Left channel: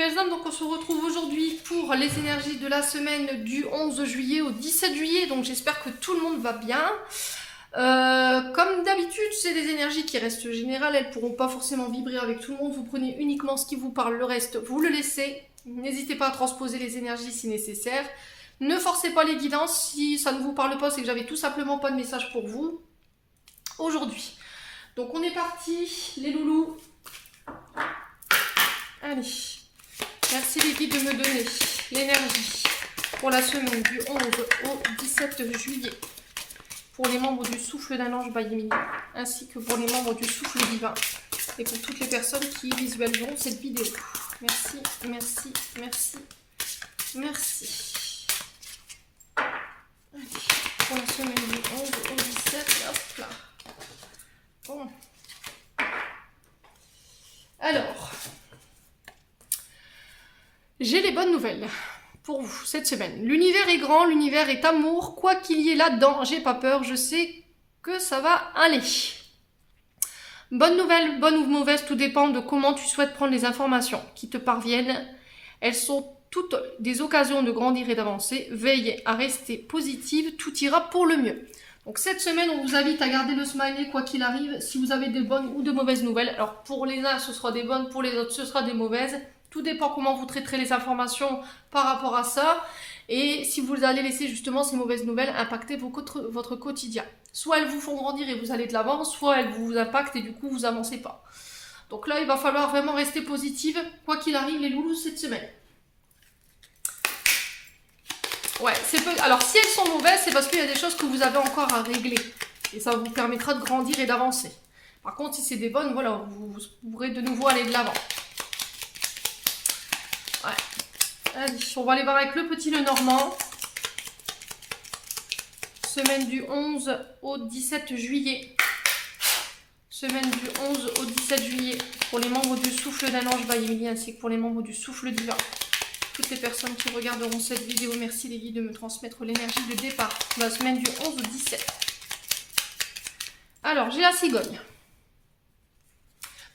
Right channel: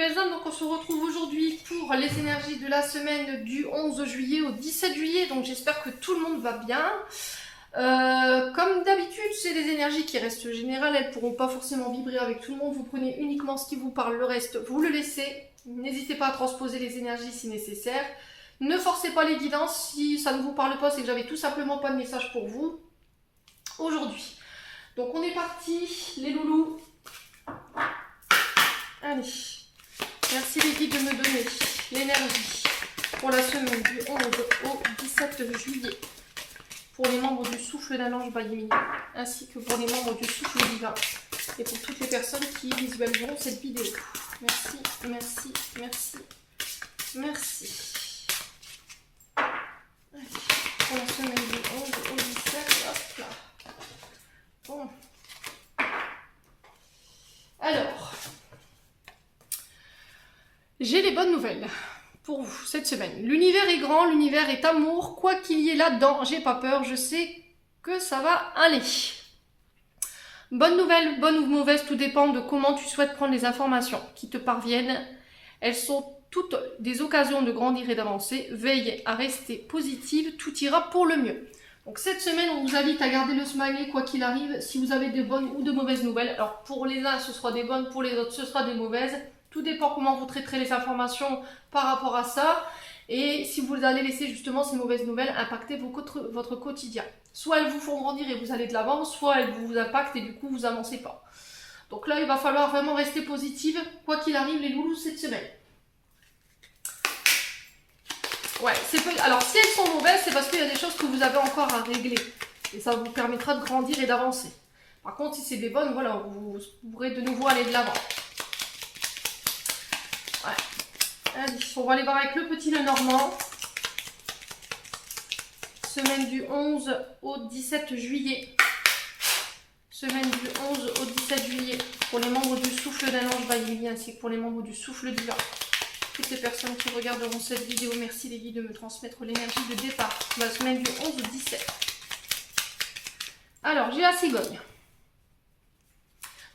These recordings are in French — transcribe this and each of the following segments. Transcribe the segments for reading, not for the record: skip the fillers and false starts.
nouvelles âmes, donc on se retrouve aujourd'hui pour les énergies de la semaine du 11 juillet au 17 juillet, donc j'espère que tout le monde va bien. Comme d'habitude, c'est des énergies qui restent générales, elles ne pourront pas forcément vibrer avec tout le monde, vous prenez uniquement ce qui vous parle, le reste vous le laissez. N'hésitez pas à transposer les énergies si nécessaire. Ne forcez pas les guidances, si ça ne vous parle pas, c'est que j'avais tout simplement pas de message pour vous aujourd'hui. Donc on est parti, les loulous. Allez, merci les guides de me donner l'énergie pour la semaine du 11 au 17 juillet pour les membres du souffle d'un ange Bayémini, ainsi que pour les membres du souffle divin et pour toutes les personnes qui visualiseront cette vidéo. Merci, merci, merci, merci. Allez, pour la semaine du 11 au 17, hop là. Bon. Alors, j'ai les bonnes nouvelles pour vous cette semaine. L'univers est grand, l'univers est amour, quoi qu'il y ait là-dedans, j'ai pas peur, je sais que ça va aller. Bonne nouvelle, bonne ou mauvaise, tout dépend de comment tu souhaites prendre les informations qui te parviennent. Elles sont toutes des occasions de grandir et d'avancer. Veille à rester positive, tout ira pour le mieux. Donc cette semaine, on vous invite à garder le smiley quoi qu'il arrive, si vous avez des bonnes ou de mauvaises nouvelles. Alors pour les uns, ce sera des bonnes, pour les autres, ce sera des mauvaises. Tout dépend comment vous traiterez les informations par rapport à ça. Et si vous allez laisser justement ces mauvaises nouvelles impacter votre quotidien. Soit elles vous font grandir et vous allez de l'avant, soit elles vous impactent et du coup vous avancez pas. Donc là, il va falloir vraiment rester positive, quoi qu'il arrive les loulous cette semaine. Ouais, alors si elles sont mauvaises, c'est parce qu'il y a des choses que vous avez encore à régler. Et ça vous permettra de grandir et d'avancer. Par contre, si c'est des bonnes, voilà, vous pourrez de nouveau aller de l'avant. Ouais. Allez, on va aller voir avec le petit Lenormand. Semaine du 11 au 17 juillet. Semaine du 11 au 17 juillet. Pour les membres du souffle d'un ange Bayémini, ainsi que pour les membres du souffle divin. Toutes les personnes qui regarderont cette vidéo, merci les guides de me transmettre l'énergie de départ de la semaine du 11 au 17. Alors, j'ai la cigogne.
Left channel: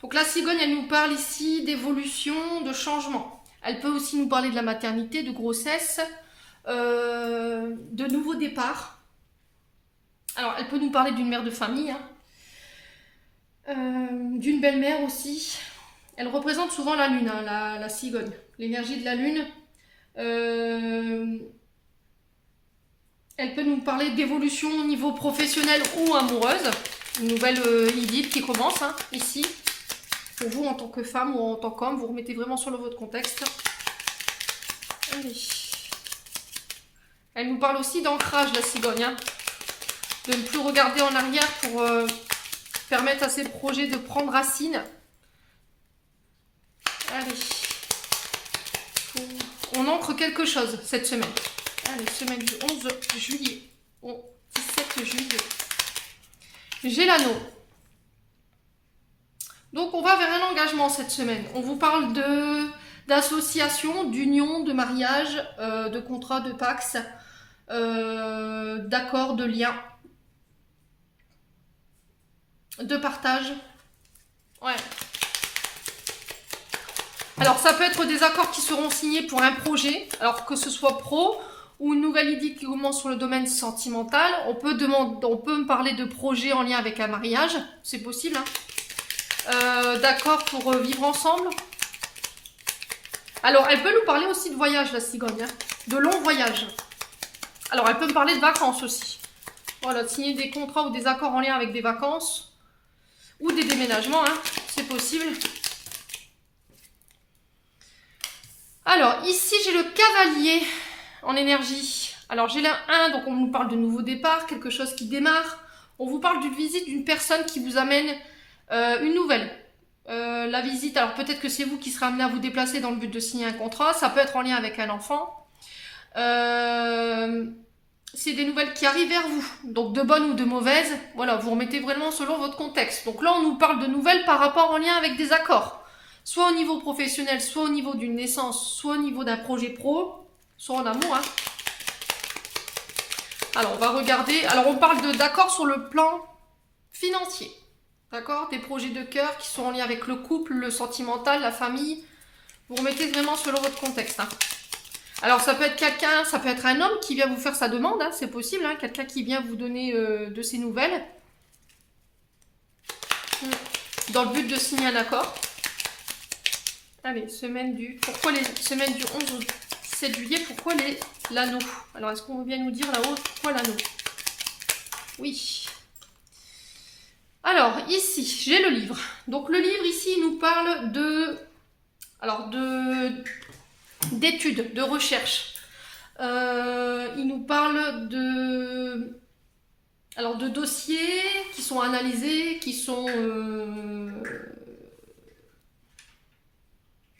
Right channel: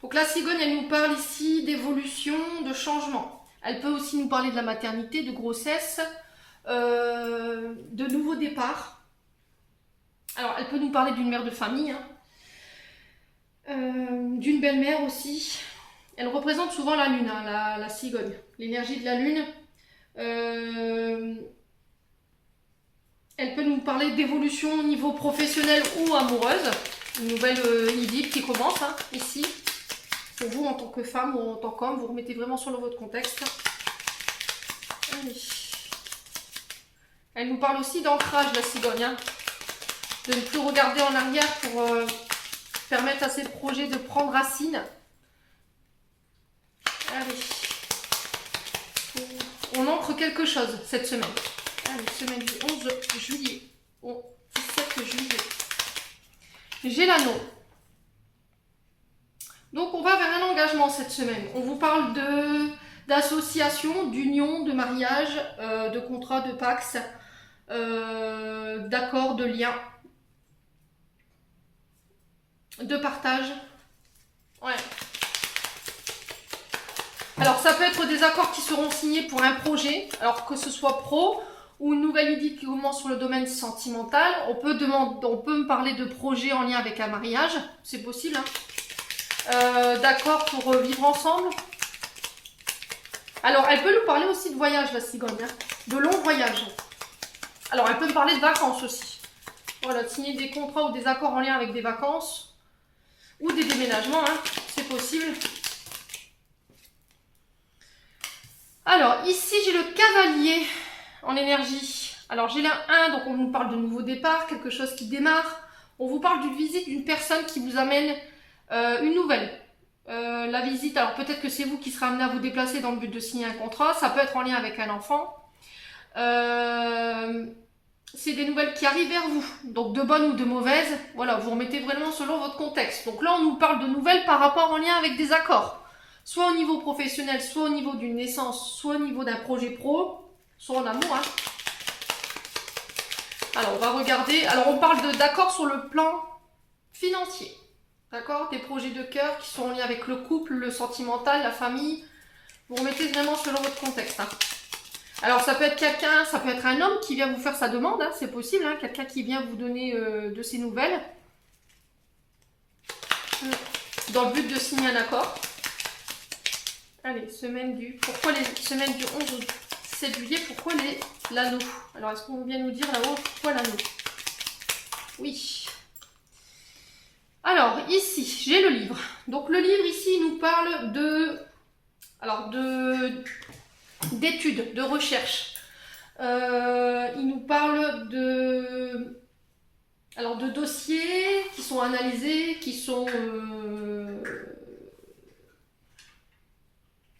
Donc la cigogne, elle nous parle ici d'évolution, de changement. Elle peut aussi nous parler de la maternité, de grossesse, de nouveaux départs. Alors, elle peut nous parler d'une mère de famille, hein, d'une belle-mère aussi. Elle représente souvent la lune, hein, la cigogne, l'énergie de la lune. Elle peut nous parler d'évolution au niveau professionnel ou amoureuse. Une nouvelle idylle qui commence, hein, ici. Pour vous, en tant que femme ou en tant qu'homme, vous remettez vraiment sur votre contexte. Allez. Elle nous parle aussi d'ancrage, la cigogne. Hein. De ne plus regarder en arrière pour permettre à ces projets de prendre racine. Allez. On ancre quelque chose cette semaine. Allez, semaine du 11 juillet au 17 juillet. J'ai l'anneau. Donc on va vers un engagement cette semaine. On vous parle d'association, d'union, de mariage, de contrat, de pax, d'accord, de lien, de partage. Ouais. Alors ça peut être des accords qui seront signés pour un projet, alors que ce soit pro ou une nouvelle idée qui commence sur le domaine sentimental. On peut me parler de projet en lien avec un mariage, c'est possible. Hein. D'accord pour vivre ensemble. Alors elle peut nous parler aussi de voyage, la cigogne, hein, de longs voyages. Alors elle peut me parler de vacances aussi. Voilà, signer des contrats ou des accords en lien avec des vacances ou des déménagements, hein, c'est possible. Alors ici j'ai le cavalier en énergie. Alors j'ai la 1, donc on nous parle de nouveau départ, quelque chose qui démarre. On vous parle d'une visite d'une personne qui vous amène une nouvelle. La visite, alors peut-être que c'est vous qui serez amené à vous déplacer dans le but de signer un contrat. Ça peut être en lien avec un enfant. C'est des nouvelles qui arrivent vers vous. Donc de bonnes ou de mauvaises. Voilà, vous remettez vraiment selon votre contexte. Donc là on nous parle de nouvelles par rapport en lien avec des accords. Soit au niveau professionnel, soit au niveau d'une naissance, soit au niveau d'un projet pro, soit en amour. Hein. Alors, on va regarder. Alors, on parle d'accords sur le plan financier. D'accord? Des projets de cœur qui sont en lien avec le couple, le sentimental, la famille, Vous remettez vraiment selon votre contexte. Hein. Alors, ça peut être quelqu'un, ça peut être un homme qui vient vous faire sa demande, hein, c'est possible, hein, quelqu'un qui vient vous donner de ses nouvelles. Dans le but de signer un accord. Allez, pourquoi les semaines du 11 au 7 juillet, pourquoi l'anneau? Alors, est-ce qu'on veut bien nous dire là-haut pourquoi l'anneau? Oui. Alors, ici, j'ai le livre. Donc, le livre, ici, il nous parle d'études, de recherche. Il nous parle de dossiers qui sont analysés, qui sont...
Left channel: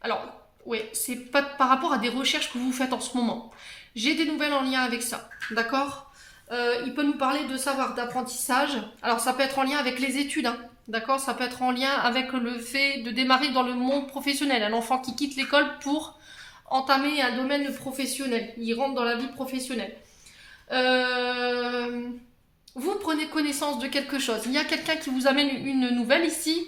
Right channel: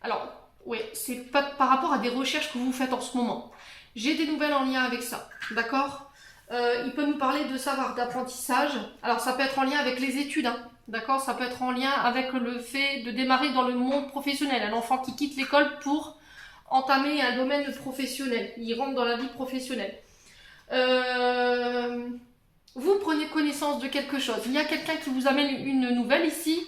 Alors, oui, c'est pas par rapport à des recherches que vous faites en ce moment. J'ai des nouvelles en lien avec ça, d'accord? Il peut nous parler de savoir d'apprentissage. Alors, ça peut être en lien avec les études, hein, d'accord? Ça peut être en lien avec le fait de démarrer dans le monde professionnel. Un enfant qui quitte l'école pour entamer un domaine professionnel. Il rentre dans la vie professionnelle. Vous prenez connaissance de quelque chose. Il y a quelqu'un qui vous amène une nouvelle ici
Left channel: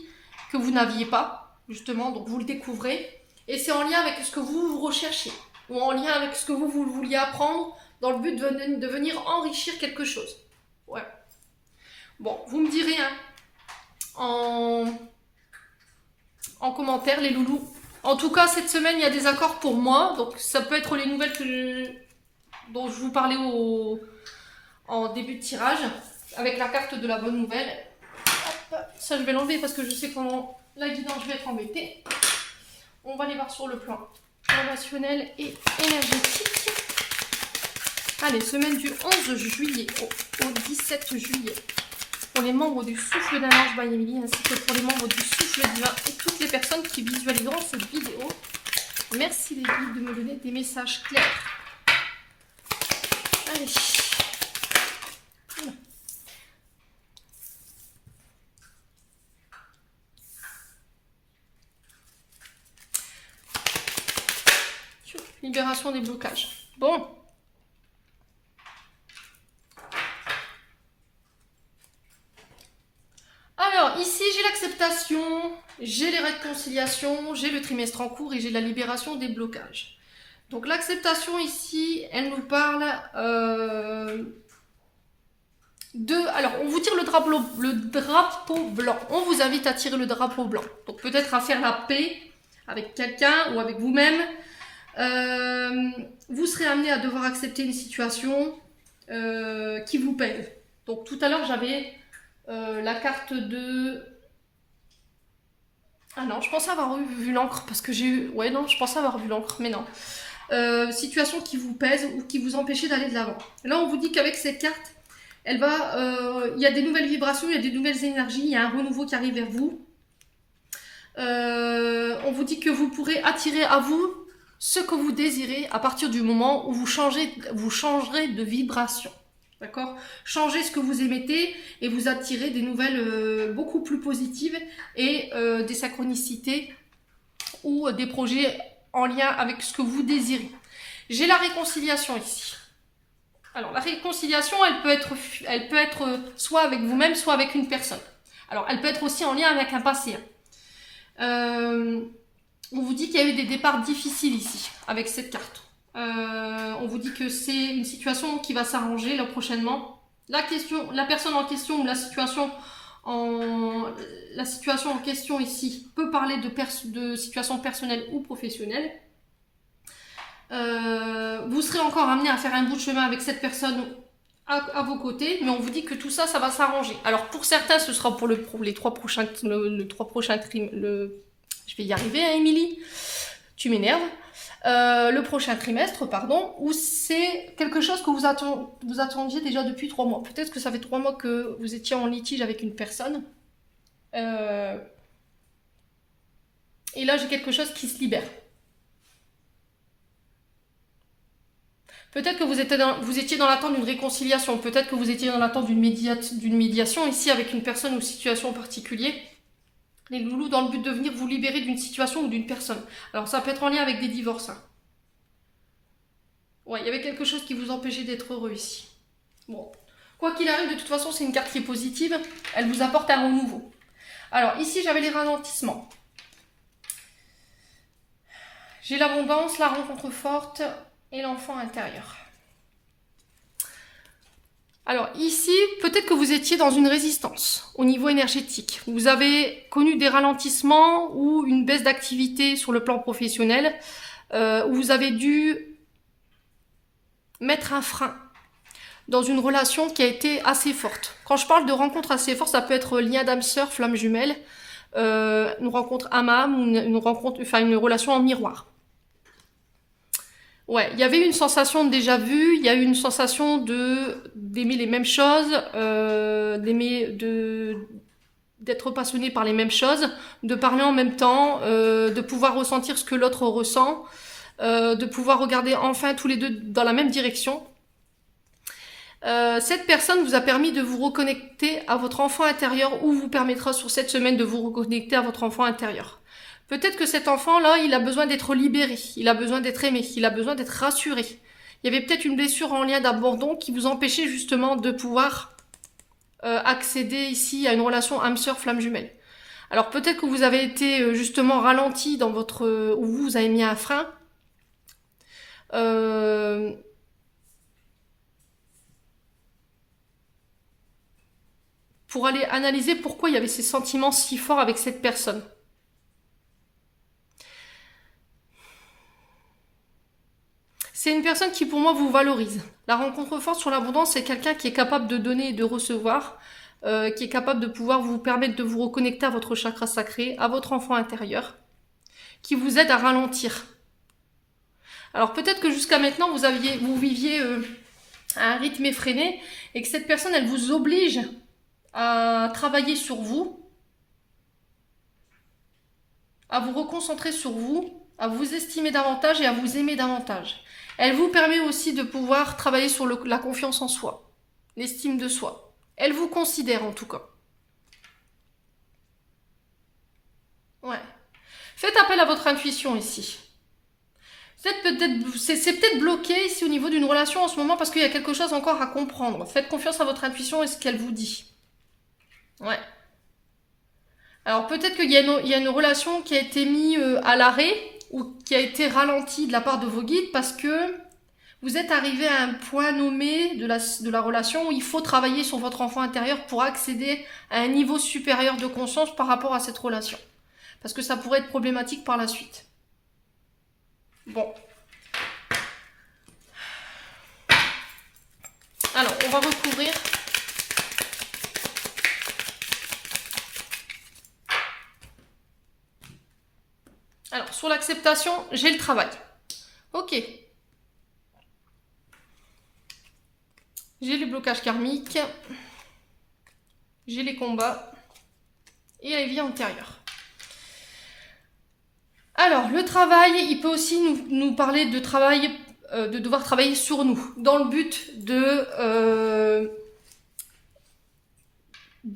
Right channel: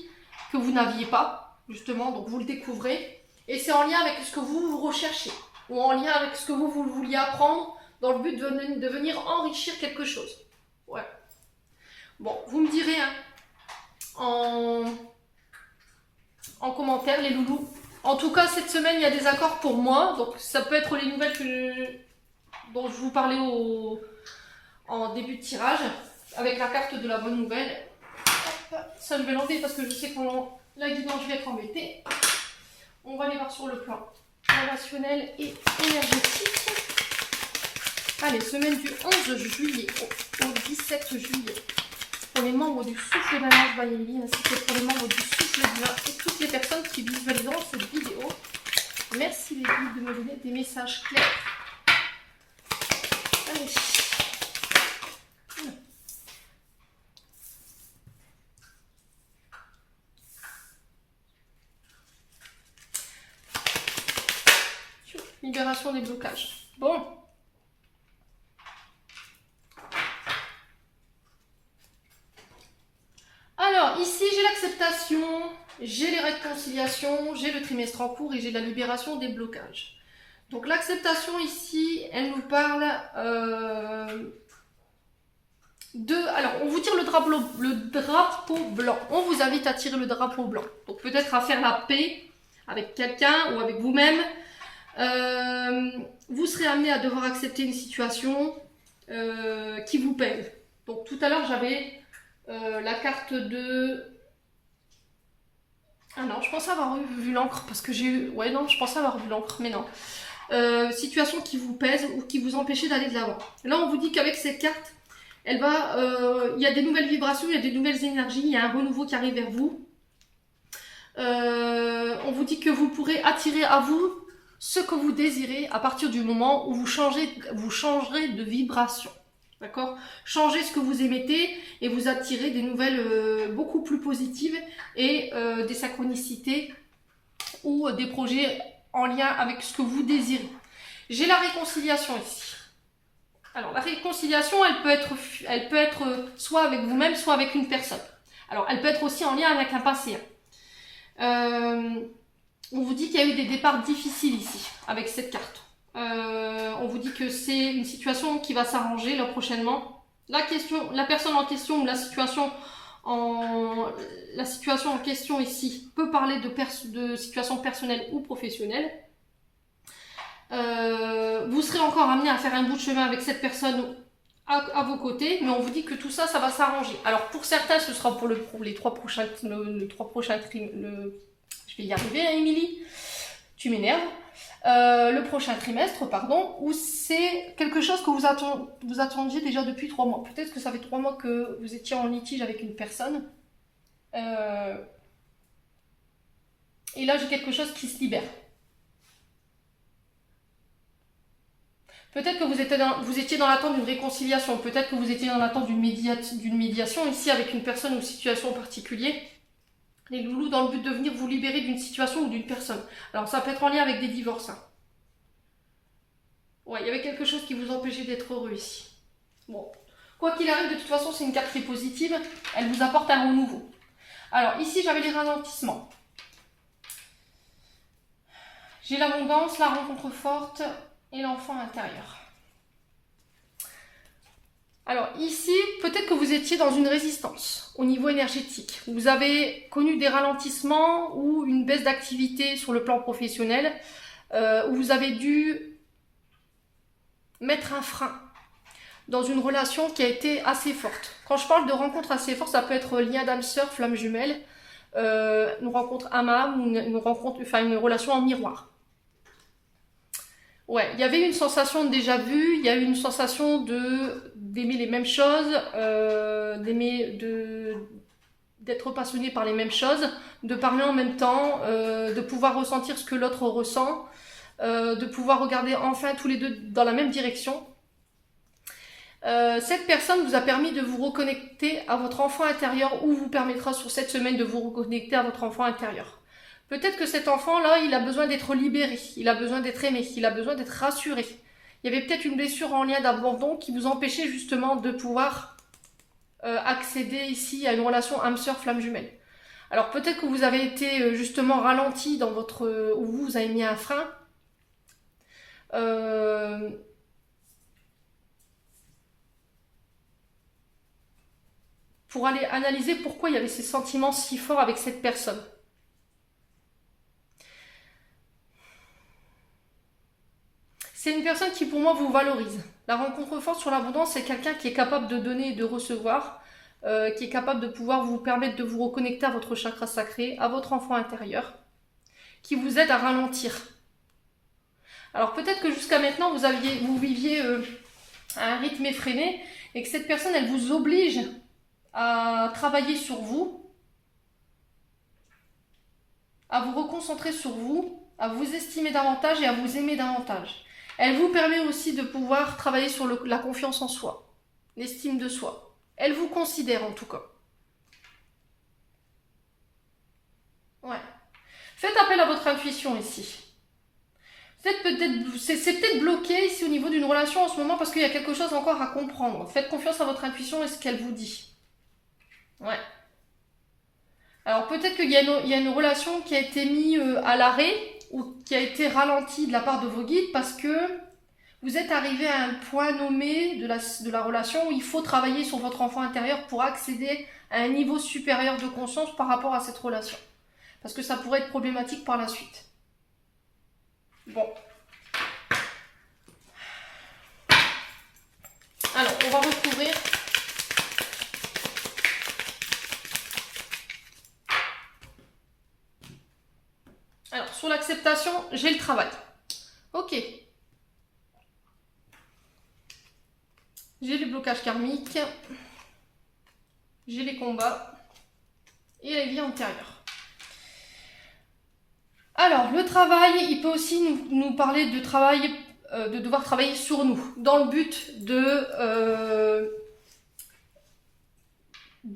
que vous n'aviez pas, justement, donc vous le découvrez. Et c'est en lien avec ce que vous recherchez, ou en lien avec ce que vous vouliez apprendre, dans le but de venir enrichir quelque chose. Ouais. Bon, vous me direz hein, en commentaire, les loulous. En tout cas, cette semaine, il y a des accords pour moi. Donc, ça peut être les nouvelles dont je vous parlais en début de tirage, avec la carte de la bonne nouvelle. Hop, ça, je vais l'enlever parce que je sais comment la guidance, je vais être embêtée. On va les voir sur le plan relationnel et énergétique. Allez, semaine du 11 juillet au 17 juillet. Pour les membres du Souffle d'un Ange by Emily, ainsi que pour les membres du Souffle divin et toutes les personnes qui visualiseront cette vidéo. Merci les guides de me donner des messages clairs. Allez. Libération des blocages. Bon. Alors, ici, j'ai l'acceptation, j'ai les réconciliations, j'ai le trimestre en cours et j'ai la libération des blocages. Donc, l'acceptation ici, elle nous parle alors, on vous tire le drapeau blanc. On vous invite à tirer le drapeau blanc. Donc, peut-être à faire la paix avec quelqu'un ou avec vous-même. Vous serez amené à devoir accepter une situation qui vous pèse. Donc, tout à l'heure, j'avais... la carte de... Ah non, je pensais avoir vu l'encre parce que j'ai eu... Ouais, non, je pensais avoir vu l'encre, mais non. Situation qui vous pèse ou qui vous empêche d'aller de l'avant. Là, on vous dit qu'avec cette carte, elle va... il y a des nouvelles vibrations, il y a des nouvelles énergies, il y a un renouveau qui arrive vers vous. On vous dit que vous pourrez attirer à vous ce que vous désirez à partir du moment où vous changerez de vibration. D'accord? Changez ce que vous émettez et vous attirez des nouvelles beaucoup plus positives et des synchronicités ou des projets en lien avec ce que vous désirez. J'ai la réconciliation ici. Alors, la réconciliation, elle peut être soit avec vous-même, soit avec une personne. Alors, elle peut être aussi en lien avec un passé. On vous dit qu'il y a eu des départs difficiles ici, avec cette carte. On vous dit que c'est une situation qui va s'arranger là prochainement. La personne en question ou la situation en question ici peut parler de situation personnelle ou professionnelle. Vous serez encore amené à faire un bout de chemin avec cette personne à vos côtés, mais on vous dit que tout ça, ça va s'arranger. Alors pour certains, ce sera pour les 3 prochains trimestres. Je vais y arriver, hein, Émilie. Tu m'énerves. Le prochain trimestre, pardon, où c'est quelque chose que vous attendiez déjà depuis 3 mois. Peut-être que ça fait 3 mois que vous étiez en litige avec une personne. Et là, j'ai quelque chose qui se libère. Peut-être que vous étiez dans l'attente d'une réconciliation. Peut-être que vous étiez dans l'attente d'une médiation ici avec une personne ou situation particulière. Les loulous, dans le but de venir vous libérer d'une situation ou d'une personne. Alors, ça peut être en lien avec des divorces. Hein. Ouais, il y avait quelque chose qui vous empêchait d'être heureux ici. Bon, quoi qu'il arrive, de toute façon, c'est une carte qui est positive. Elle vous apporte un renouveau. Alors, ici, j'avais les ralentissements. J'ai l'abondance, la rencontre forte et l'enfant intérieur. Alors ici, peut-être que vous étiez dans une résistance au niveau énergétique. Vous avez connu des ralentissements ou une baisse d'activité sur le plan professionnel, où vous avez dû mettre un frein dans une relation qui a été assez forte. Quand je parle de rencontre assez forte, ça peut être lien d'âme sœur, flamme jumelle, une rencontre âme-âme, une relation en miroir. Ouais, il y avait une sensation de déjà vu, il y a eu une sensation d'aimer les mêmes choses, d'être passionné par les mêmes choses, de parler en même temps, de pouvoir ressentir ce que l'autre ressent, de pouvoir regarder enfin tous les deux dans la même direction. Cette personne vous a permis de vous reconnecter à votre enfant intérieur ou vous permettra sur cette semaine de vous reconnecter à votre enfant intérieur. Peut-être que cet enfant-là, il a besoin d'être libéré, il a besoin d'être aimé, il a besoin d'être rassuré. Il y avait peut-être une blessure en lien d'abandon qui vous empêchait justement de pouvoir accéder ici à une relation âme-sœur, flamme jumelle. Alors peut-être que vous avez été justement ralenti dans votre... ou vous avez mis un frein. Pour aller analyser pourquoi il y avait ces sentiments si forts avec cette personne. C'est une personne qui pour moi vous valorise. La rencontre forte sur l'abondance, c'est quelqu'un qui est capable de donner et de recevoir, qui est capable de pouvoir vous permettre de vous reconnecter à votre chakra sacré, à votre enfant intérieur, qui vous aide à ralentir. Alors peut-être que jusqu'à maintenant vous viviez à un rythme effréné et que cette personne elle vous oblige à travailler sur vous, à vous reconcentrer sur vous, à vous estimer davantage et à vous aimer davantage. Elle vous permet aussi de pouvoir travailler sur la confiance en soi, l'estime de soi. Elle vous considère en tout cas. Ouais. Faites appel à votre intuition ici. C'est peut-être bloqué ici au niveau d'une relation en ce moment parce qu'il y a quelque chose encore à comprendre. Faites confiance à votre intuition et ce qu'elle vous dit. Ouais. Alors peut-être qu'il y a une relation qui a été mise à l'arrêt ou qui a été ralentie de la part de vos guides parce que vous êtes arrivé à un point nommé de la relation où il faut travailler sur votre enfant intérieur pour accéder à un niveau supérieur de conscience par rapport à cette relation. Parce que ça pourrait être problématique par la suite. Bon. Alors, on va recouvrir. Alors, sur l'acceptation, j'ai le travail. Ok. J'ai les blocages karmiques. J'ai les combats. Et la vie antérieure. Alors, le travail, il peut aussi nous parler de travail, de devoir travailler sur nous, dans le but de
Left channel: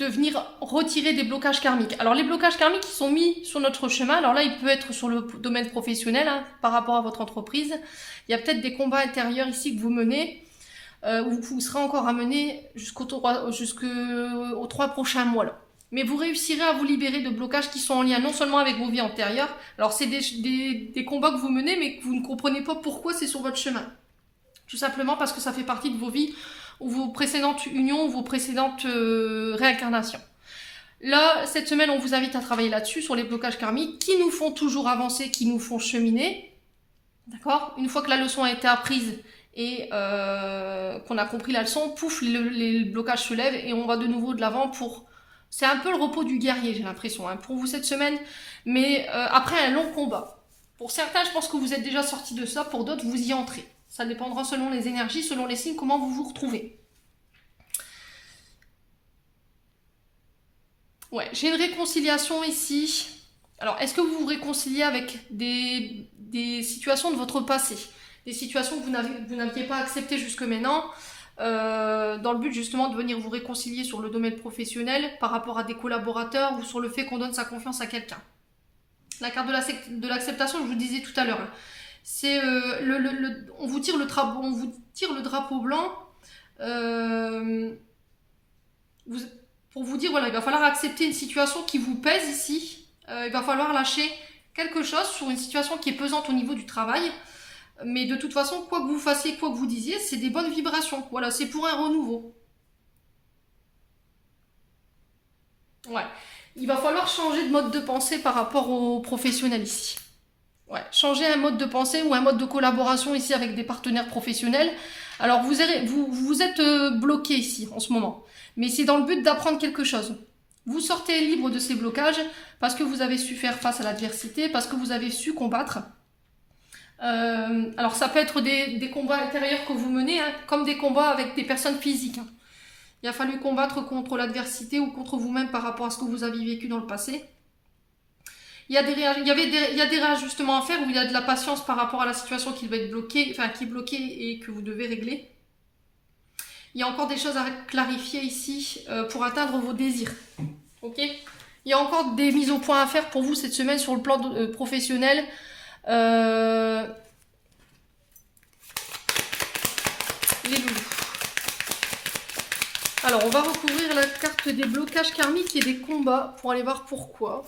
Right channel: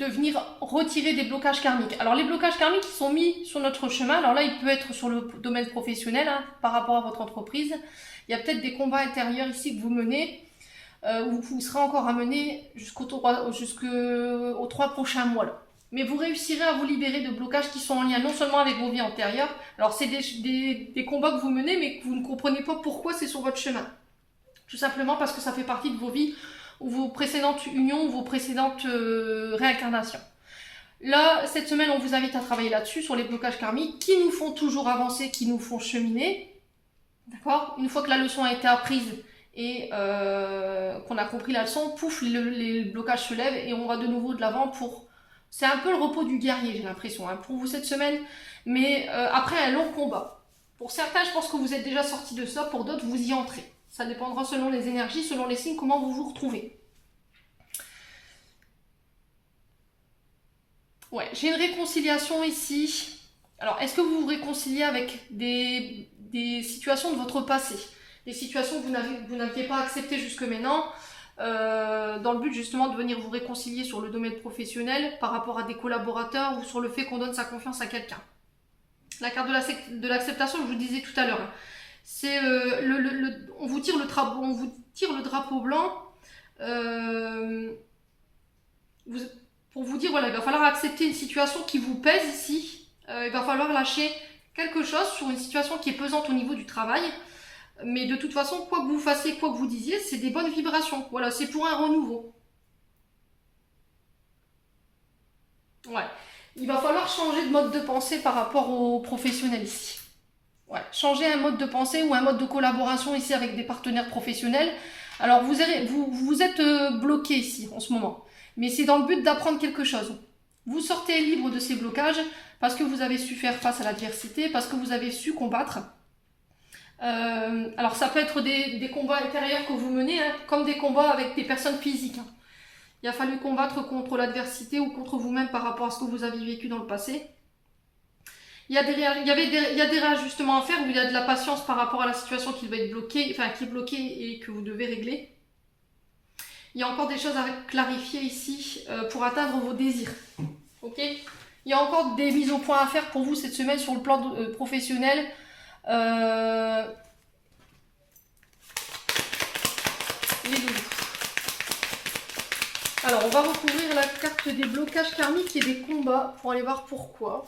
venir retirer des blocages karmiques. Alors, les blocages karmiques qui sont mis sur notre chemin, alors là, il peut être sur le domaine professionnel, hein, par rapport à votre entreprise. Il y a peut-être des combats intérieurs ici que vous menez, où vous serez encore à mener jusqu'aux 3 prochains mois, là. Mais vous réussirez à vous libérer de blocages qui sont en lien non seulement avec vos vies antérieures, alors c'est des combats que vous menez mais que vous ne comprenez pas pourquoi c'est sur votre chemin. Tout simplement parce que ça fait partie de vos vies ou vos précédentes unions ou vos précédentes réincarnations. Là, cette semaine, on vous invite à travailler là-dessus, sur les blocages karmiques qui nous font toujours avancer, qui nous font cheminer. D'accord ? Une fois que la leçon a été apprise et qu'on a compris la leçon, pouf, les blocages se lèvent et on va de nouveau de l'avant pour... C'est un peu le repos du guerrier, j'ai l'impression, hein, pour vous cette semaine, mais après un long combat. Pour certains, je pense que vous êtes déjà sortis de ça, pour d'autres, vous y entrez. Ça dépendra selon les énergies, selon les signes, comment vous vous retrouvez. Ouais, j'ai une réconciliation ici. Alors, est-ce que vous vous réconciliez avec des situations de votre passé? Des situations que vous n'aviez pas acceptées jusque maintenant, dans le but justement de venir vous réconcilier sur le domaine professionnel par rapport à des collaborateurs ou sur le fait qu'on donne sa confiance à quelqu'un. La carte de l'acceptation, je vous disais tout à l'heure, c'est on vous tire le drapeau blanc pour vous dire voilà, il va falloir accepter une situation qui vous pèse ici, il va falloir lâcher quelque chose sur une situation qui est pesante au niveau du travail. Mais de toute façon, quoi que vous fassiez, quoi que vous disiez, c'est des bonnes vibrations. Voilà, c'est pour un renouveau. Ouais. Il va falloir changer de mode de pensée par rapport aux professionnels ici. Ouais. Changer un mode de pensée ou un mode de collaboration ici avec des partenaires professionnels. Alors vous êtes bloqué ici en ce moment. Mais c'est dans le but d'apprendre quelque chose. Vous sortez libre de ces blocages parce que vous avez su faire face à l'adversité, parce que vous avez su combattre. Alors ça peut être des combats intérieurs que vous menez, hein, comme des combats avec des personnes physiques. Hein. Il a fallu combattre contre l'adversité ou contre vous-même par rapport à ce que vous avez vécu dans le passé. Il y a des réajustements à faire où il y a de la patience par rapport à la situation qui va être bloquée, enfin qui est bloquée et que vous devez régler. Il y a encore des choses à clarifier ici pour atteindre vos désirs. Ok ? Il y a encore des mises au point à faire pour vous cette semaine sur le plan professionnel. Les loulous. Alors, on va recouvrir la carte des blocages karmiques et des combats pour aller voir pourquoi.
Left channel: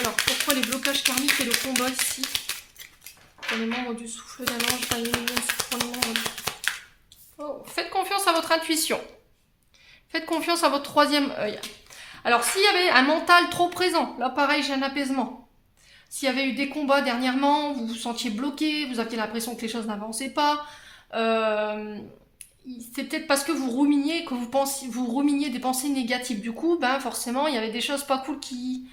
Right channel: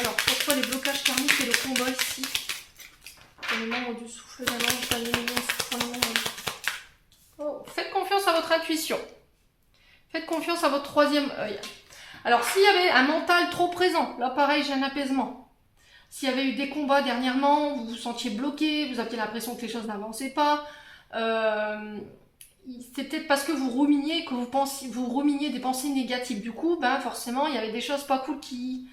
Alors, pourquoi les blocages karmiques et le combat ici pour les membres du souffle d'un ange, oh, faites confiance à votre intuition. Faites confiance à votre troisième œil. Alors, s'il y avait un mental trop présent, là pareil, j'ai un apaisement. S'il y avait eu des combats dernièrement, vous vous sentiez bloqué, vous aviez l'impression que les choses n'avançaient pas, c'est peut-être parce que vous ruminiez, vous ruminiez des pensées négatives. Du coup, ben forcément, il y avait des choses pas cool qui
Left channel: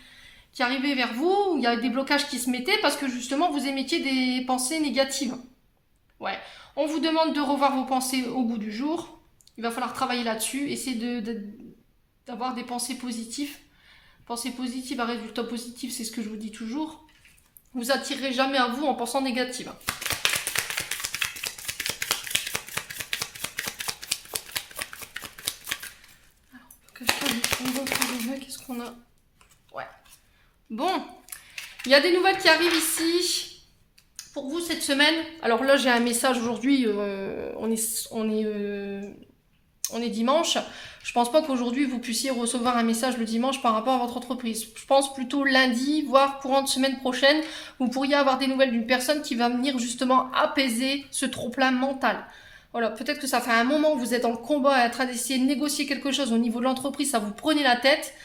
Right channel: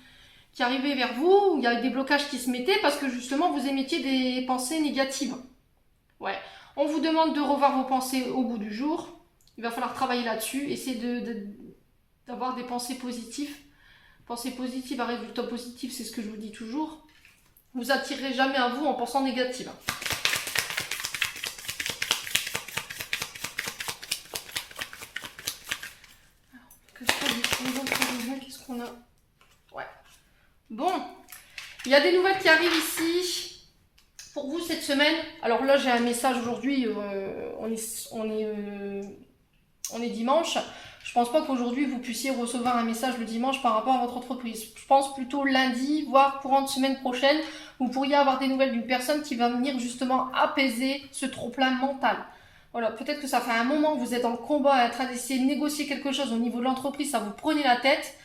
arrivaient vers vous, il y avait des blocages qui se mettaient parce que justement, vous émettiez des pensées négatives. Ouais. On vous demande de revoir vos pensées au bout du jour. Il va falloir travailler là-dessus, essayer d'avoir des pensées positives. Pensées positives à résultat positif, c'est ce que je vous dis toujours. Vous attirez jamais à vous en pensant négative. Qu'est-ce qu'on a? Ouais. Bon. Il y a des nouvelles qui arrivent ici pour vous cette semaine. Alors là, j'ai un message aujourd'hui. On est dimanche. Je pense pas qu'aujourd'hui vous puissiez recevoir un message le dimanche par rapport à votre entreprise. Je pense plutôt lundi, voire courant de semaine prochaine, vous pourriez avoir des nouvelles d'une personne qui va venir justement apaiser ce trop-plein mental. Voilà, peut-être que ça fait un moment que vous êtes en combat en train d'essayer de négocier quelque chose au niveau de l'entreprise, ça vous prenait la tête.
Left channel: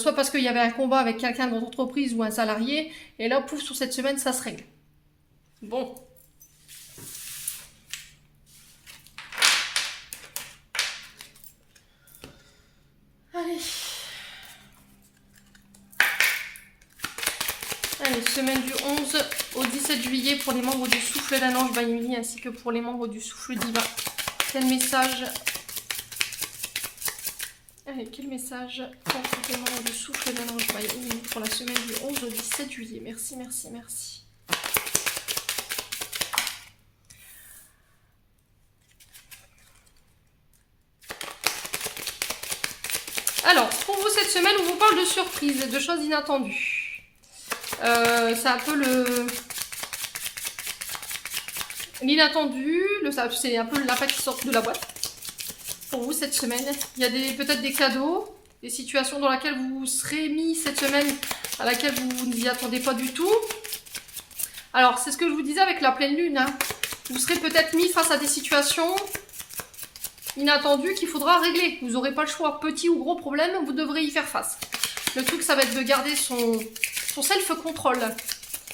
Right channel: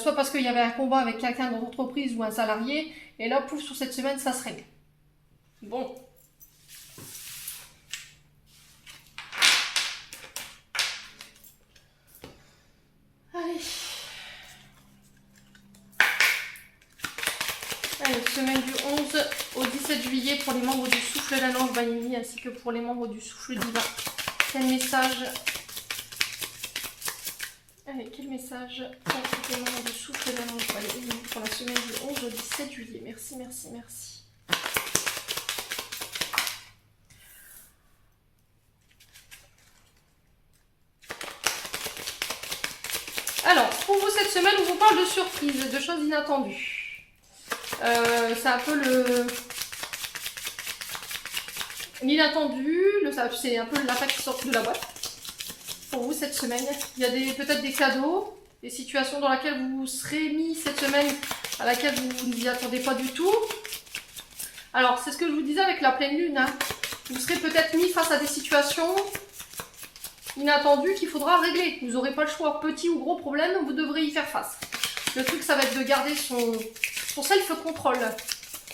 Soit parce qu'il y avait un combat avec quelqu'un dans l'entreprise ou un salarié, et là, pouf, sur cette semaine, ça se règle. Bon. Allez. Allez, semaine du 11 au 17 juillet pour les membres du souffle d'un ange Banyuni ainsi que pour les membres du souffle divin. Quel message? Allez, quel message pour les membres du souffle d'un ange Banyuni pour la semaine du 11 au 17 juillet? Merci, merci, merci. Alors, pour vous cette semaine, on vous parle de surprises, de choses inattendues. C'est un peu l'inattendu, c'est un peu le lapin qui sort de la boîte. Pour vous cette semaine, il y a peut-être des cadeaux, des situations dans lesquelles vous serez mis cette semaine, à laquelle vous ne vous y attendez pas du tout. Alors, c'est ce que je vous disais avec la pleine lune. Hein. Vous serez peut-être mis face à des situations inattendues qu'il faudra régler. Vous n'aurez pas le choix. Petit ou gros problème, vous devrez y faire face. Le truc, ça va être de garder son self-control.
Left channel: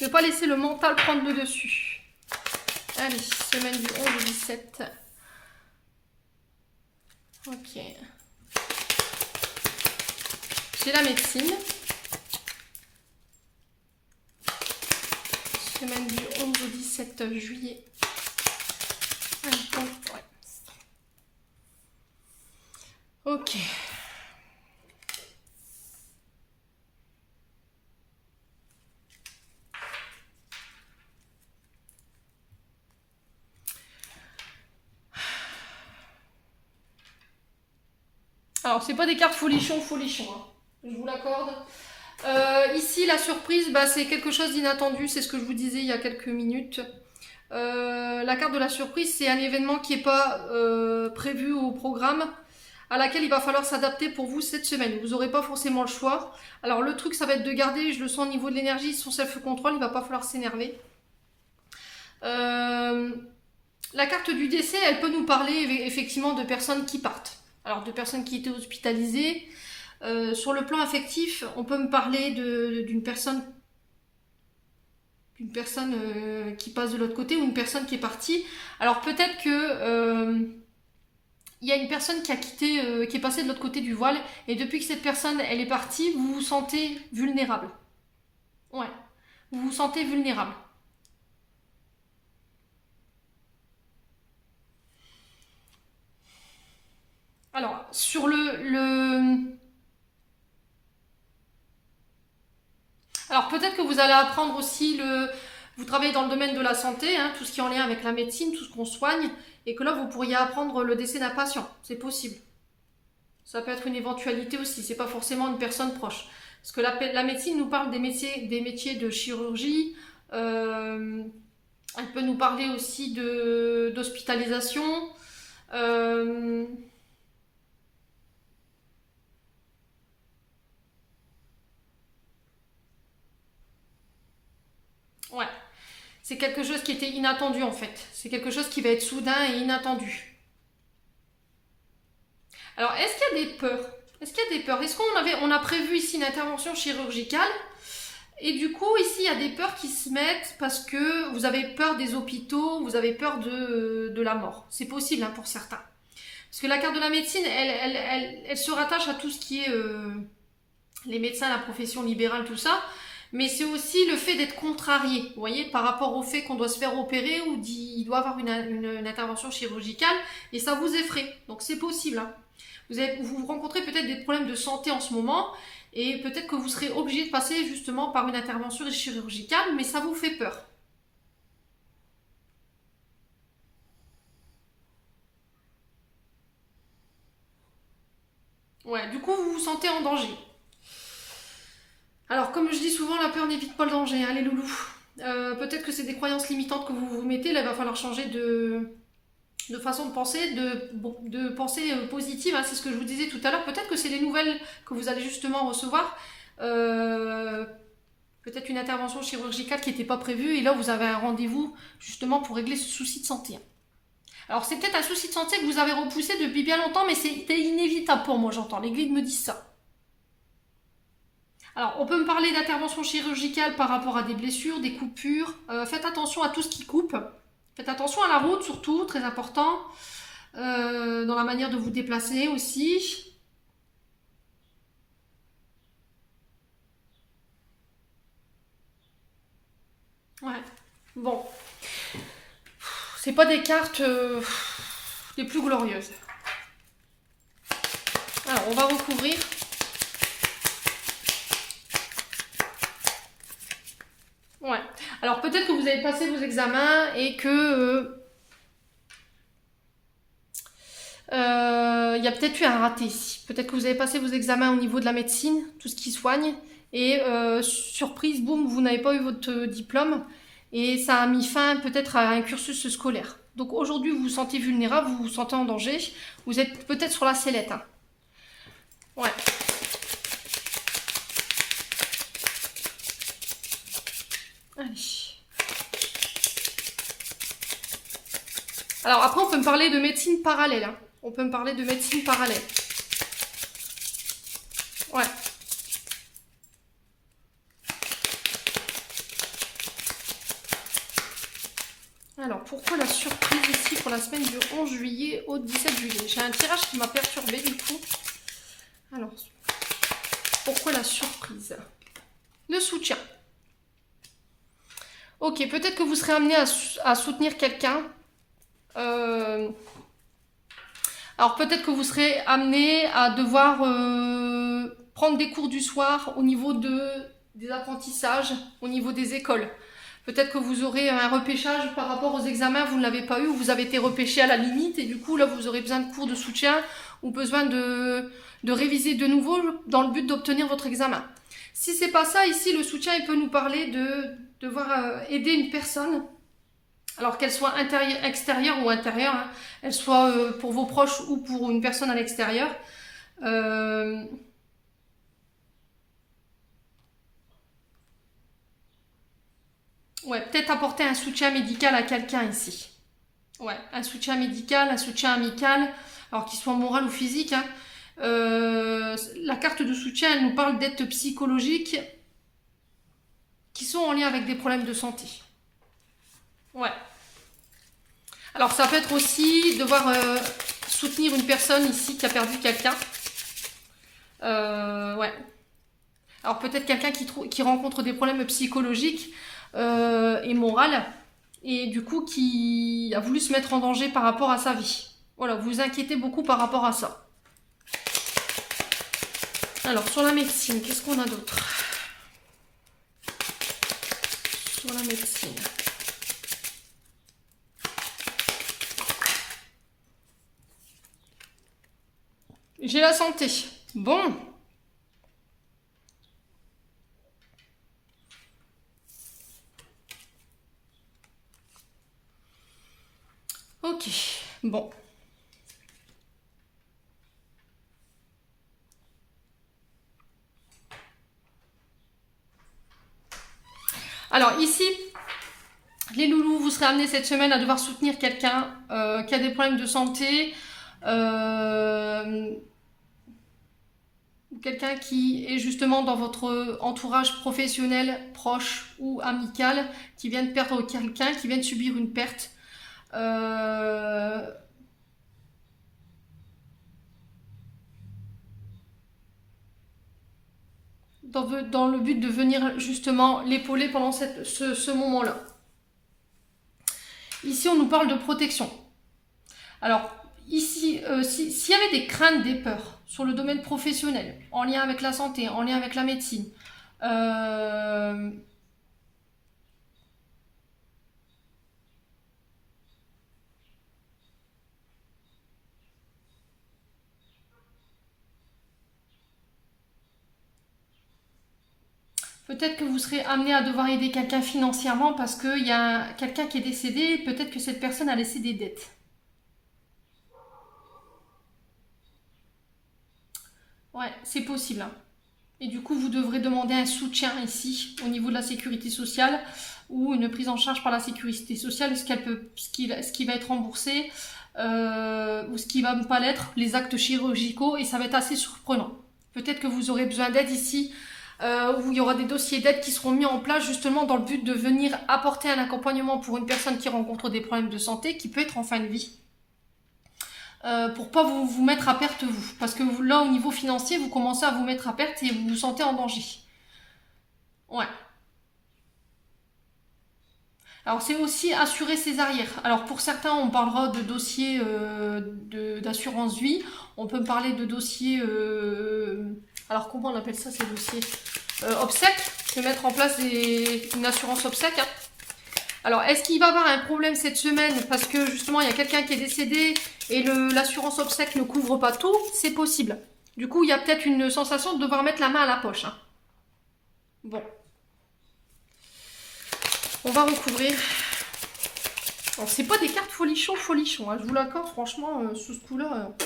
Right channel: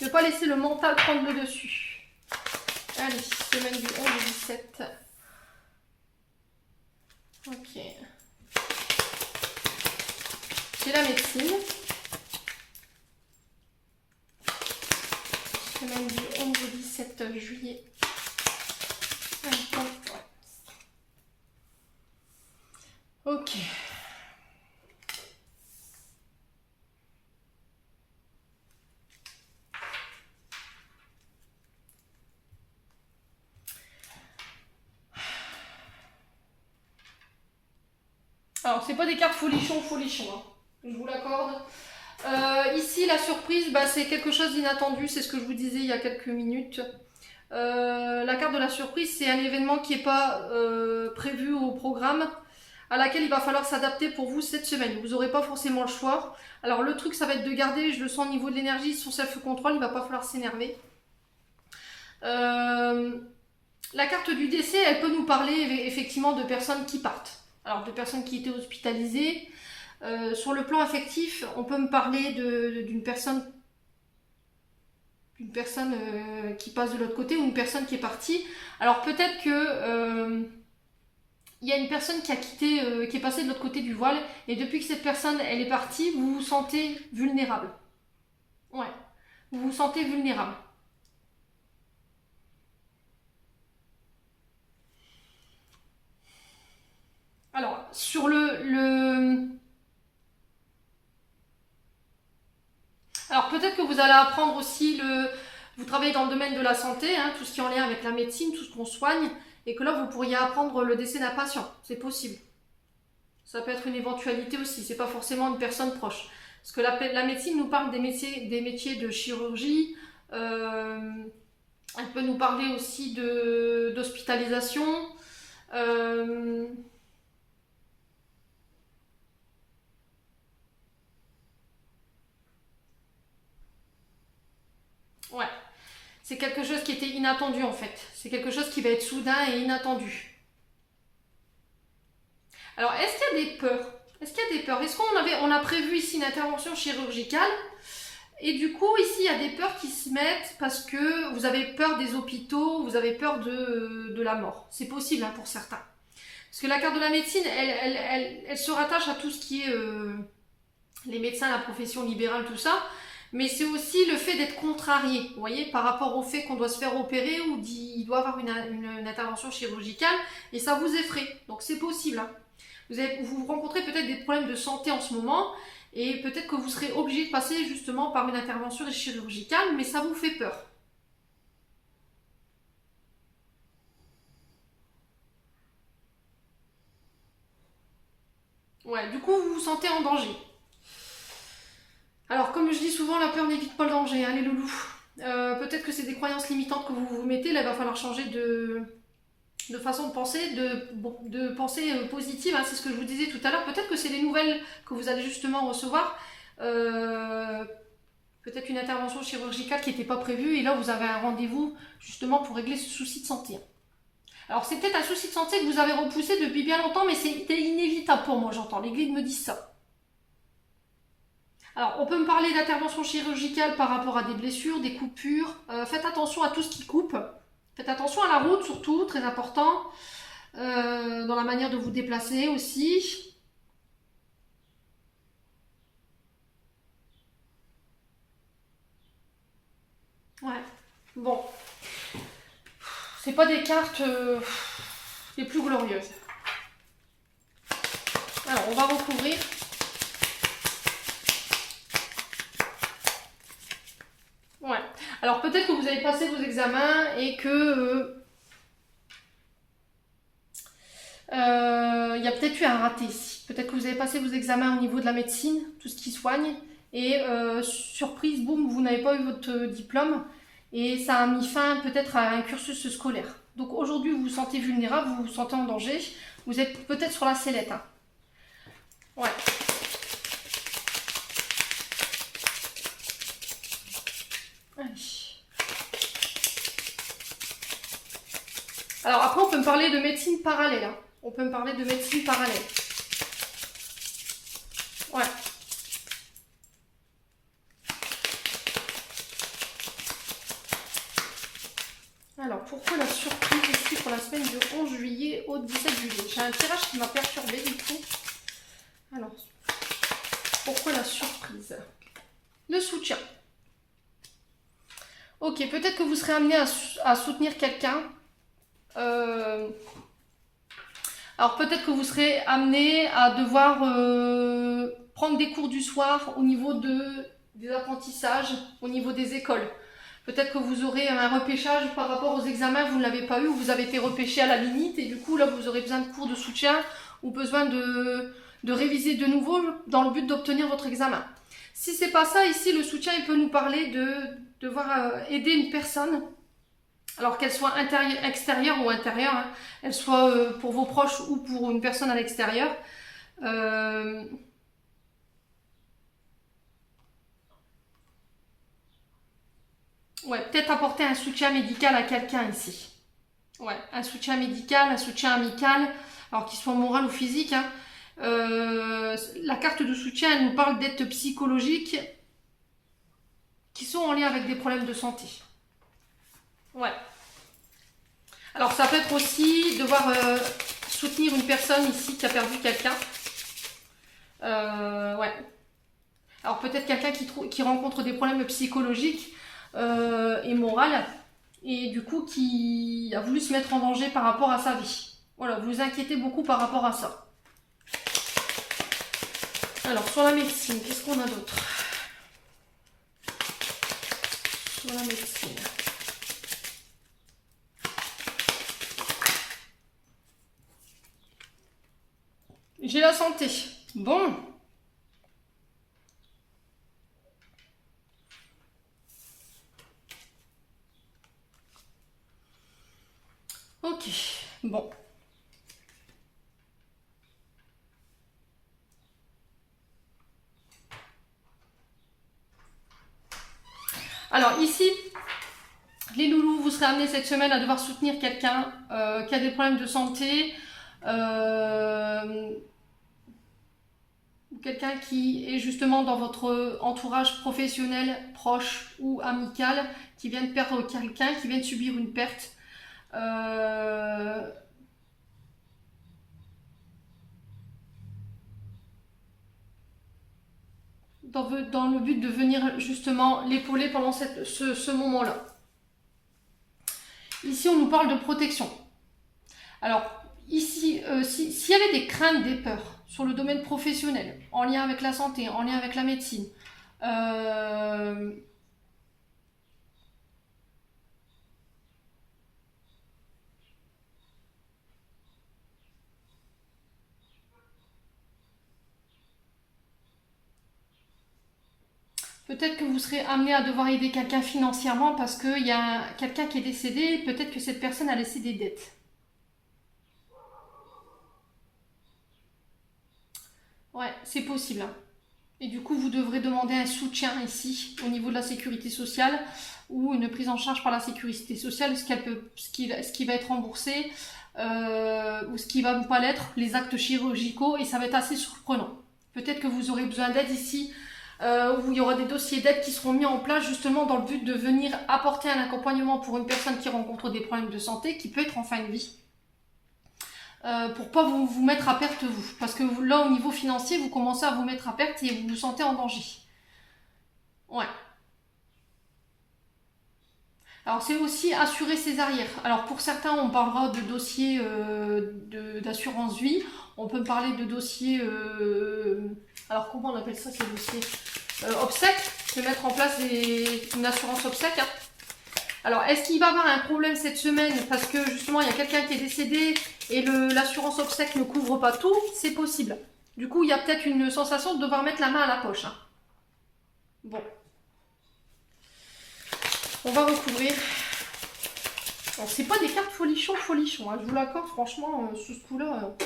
Ne pas laisser le mental prendre le dessus. Allez, semaine du 11 au 17. Ok. J'ai la médecine. Semaine du 11 au 17 juillet. Ok. Alors, c'est pas des cartes folichon, hein. Je vous l'accorde. Ici, la surprise, c'est quelque chose d'inattendu. C'est ce que je vous disais il y a quelques minutes. La carte de la surprise, c'est un événement qui n'est pas prévu au programme. à laquelle il va falloir s'adapter pour vous cette semaine. Vous n'aurez pas forcément le choix. Alors le truc, ça va être de garder, je le sens au niveau de l'énergie, son self-control, il ne va pas falloir s'énerver. La carte du décès, elle peut nous parler effectivement de personnes qui partent. Alors de personnes qui étaient hospitalisées. Sur le plan affectif, on peut me parler d'une personne qui passe de l'autre côté ou une personne qui est partie. Alors peut-être que il y a une personne qui a quitté, qui est passée de l'autre côté du voile, et depuis que cette personne elle est partie, vous vous sentez vulnérable. Ouais, vous vous sentez vulnérable. Alors sur alors peut-être que vous allez apprendre aussi vous travaillez dans le domaine de la santé, hein, tout ce qui est en lien avec la médecine, tout ce qu'on soigne, et que là vous pourriez apprendre le décès d'un patient. C'est possible. Ça peut être une éventualité aussi, c'est pas forcément une personne proche. Parce que la médecine nous parle des métiers de chirurgie, elle peut nous parler aussi d'hospitalisation. Ouais, c'est quelque chose qui était inattendu en fait. C'est quelque chose qui va être soudain et inattendu. Alors, est-ce qu'il y a des peurs? Est-ce qu'il y a des peurs? Est-ce on a prévu ici une intervention chirurgicale? Et du coup, ici, il y a des peurs qui se mettent parce que vous avez peur des hôpitaux, vous avez peur de la mort. C'est possible hein, pour certains. Parce que la carte de la médecine, elle se rattache à tout ce qui est les médecins, la profession libérale, tout ça. Mais c'est aussi le fait d'être contrarié, vous voyez, par rapport au fait qu'on doit se faire opérer ou il doit avoir une intervention chirurgicale, et ça vous effraie. Donc c'est possible. Hein. Vous rencontrez peut-être des problèmes de santé en ce moment, et peut-être que vous serez obligé de passer justement par une intervention chirurgicale, mais ça vous fait peur. Ouais, du coup vous vous sentez en danger. Alors, comme je dis souvent, la peur n'évite pas le danger, hein, les loulous. Peut-être que c'est des croyances limitantes que vous vous mettez, là il va falloir changer de façon de penser, de pensée positive, hein, c'est ce que je vous disais tout à l'heure. Peut-être que c'est les nouvelles que vous allez justement recevoir. Peut-être une intervention chirurgicale qui n'était pas prévue, et là vous avez un rendez-vous justement pour régler ce souci de santé. Alors c'est peut-être un souci de santé que vous avez repoussé depuis bien longtemps, mais c'était inévitable pour moi, j'entends. Les guides me disent ça. Alors, on peut me parler d'intervention chirurgicale par rapport à des blessures, des coupures. Faites attention à tout ce qui coupe. Faites attention à la route surtout, très important. Dans la manière de vous déplacer aussi. Ouais. Bon. C'est pas des cartes les plus glorieuses. Alors, on va recouvrir. Ouais. Alors peut-être que vous avez passé vos examens et que il y a peut-être eu un raté ici. Peut-être que vous avez passé vos examens au niveau de la médecine, tout ce qui soigne, et surprise, boum, vous n'avez pas eu votre diplôme et ça a mis fin peut-être à un cursus scolaire. Donc aujourd'hui, vous vous sentez vulnérable, vous vous sentez en danger, vous êtes peut-être sur la sellette. Hein. Ouais. Allez. Alors après, on peut me parler de médecine parallèle. Hein. On peut me parler de médecine parallèle. Ouais. Alors, pourquoi la surprise ici pour la semaine du 11 juillet au 17 juillet? J'ai un tirage qui m'a perturbé du coup. Alors, pourquoi la surprise? Le soutien. Ok, peut-être que vous serez amené à soutenir quelqu'un. Alors peut-être que vous serez amené à devoir prendre des cours du soir au niveau des apprentissages, au niveau des écoles. Peut-être que vous aurez un repêchage par rapport aux examens, vous ne l'avez pas eu, ou vous avez été repêché à la limite, et du coup là vous aurez besoin de cours de soutien ou besoin de réviser de nouveau dans le but d'obtenir votre examen. Si c'est pas ça, ici le soutien il peut nous parler de devoir aider une personne Alors qu'elle soit extérieure ou intérieure, hein, elle soit pour vos proches ou pour une personne à l'extérieur. Ouais, peut-être apporter un soutien médical à quelqu'un ici. Ouais, un soutien médical, un soutien amical, alors qu'il soit moral ou physique, hein. La carte de soutien, elle nous parle d'aides psychologiques qui sont en lien avec des problèmes de santé. Ouais. Alors ça peut être aussi devoir soutenir une personne ici qui a perdu quelqu'un. Ouais. Alors peut-être quelqu'un qui rencontre des problèmes psychologiques et moraux et du coup qui a voulu se mettre en danger par rapport à sa vie. Voilà, vous vous inquiétez beaucoup par rapport à ça. Alors sur la médecine, qu'est-ce qu'on a d'autre? Sur la médecine. J'ai la santé. Bon. Ok. Bon. Alors ici, les loulous, vous serez amenés cette semaine à devoir soutenir quelqu'un qui a des problèmes de santé. Quelqu'un qui est justement dans votre entourage professionnel, proche ou amical, qui vient de perdre quelqu'un, qui vient de subir une perte. Dans le but de venir justement l'épauler pendant ce moment-là. Ici, on nous parle de protection. Alors, ici, s'il y avait des craintes, des peurs sur le domaine professionnel, en lien avec la santé, en lien avec la médecine, peut-être que vous serez amené à devoir aider quelqu'un financièrement parce qu'il y a quelqu'un qui est décédé, peut-être que cette personne a laissé des dettes. Ouais, c'est possible, hein. Et du coup, vous devrez demander un soutien ici au niveau de la sécurité sociale ou une prise en charge par la sécurité sociale, ce qui va être remboursé ou ce qui va ne pas l'être, les actes chirurgicaux, et ça va être assez surprenant. Peut-être que vous aurez besoin d'aide ici, où il y aura des dossiers d'aide qui seront mis en place justement dans le but de venir apporter un accompagnement pour une personne qui rencontre des problèmes de santé, qui peut être en fin de vie. Pour pas vous mettre à perte vous. Parce que là, au niveau financier, vous commencez à vous mettre à perte et vous vous sentez en danger. Ouais. Alors c'est aussi assurer ses arrières. Alors pour certains, on parlera de dossiers d'assurance vie. On peut parler de dossiers... alors comment on appelle ça ces dossiers obsèques. Se mettre en place une assurance obsèque. Hein. Alors, est-ce qu'il va y avoir un problème cette semaine parce que justement il y a quelqu'un qui est décédé et l'assurance obsèque ne couvre pas tout? C'est possible. Du coup, il y a peut-être une sensation de devoir mettre la main à la poche. Hein. Bon. On va recouvrir. Bon, c'est pas des cartes folichon, hein. Je vous l'accorde, franchement, sous ce coup-là.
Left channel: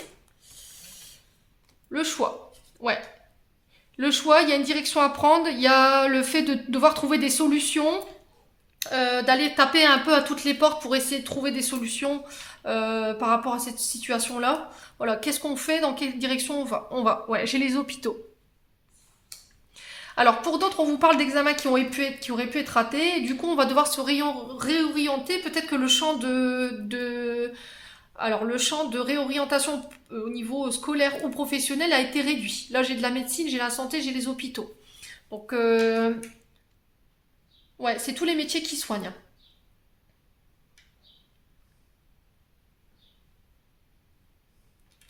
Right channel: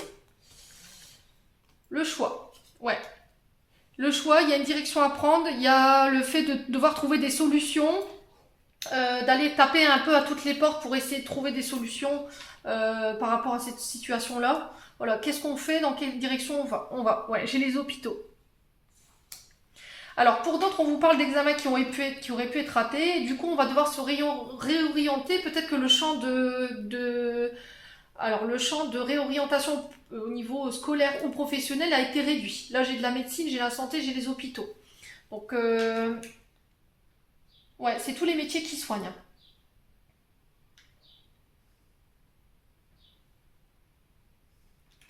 Le choix. Ouais. Le choix, il y a une direction à prendre. Il y a le fait de devoir trouver des solutions. D'aller taper un peu à toutes les portes pour essayer de trouver des solutions par rapport à cette situation-là. Voilà, qu'est-ce qu'on fait? Dans quelle direction on va. Ouais, j'ai les hôpitaux. Alors, pour d'autres, on vous parle d'examens qui auraient pu être ratés. Du coup, on va devoir se réorienter. Peut-être que le champ alors, le champ de réorientation au niveau scolaire ou professionnel a été réduit. Là, j'ai de la médecine, j'ai la santé, j'ai les hôpitaux. Donc, ouais, c'est tous les métiers qui soignent.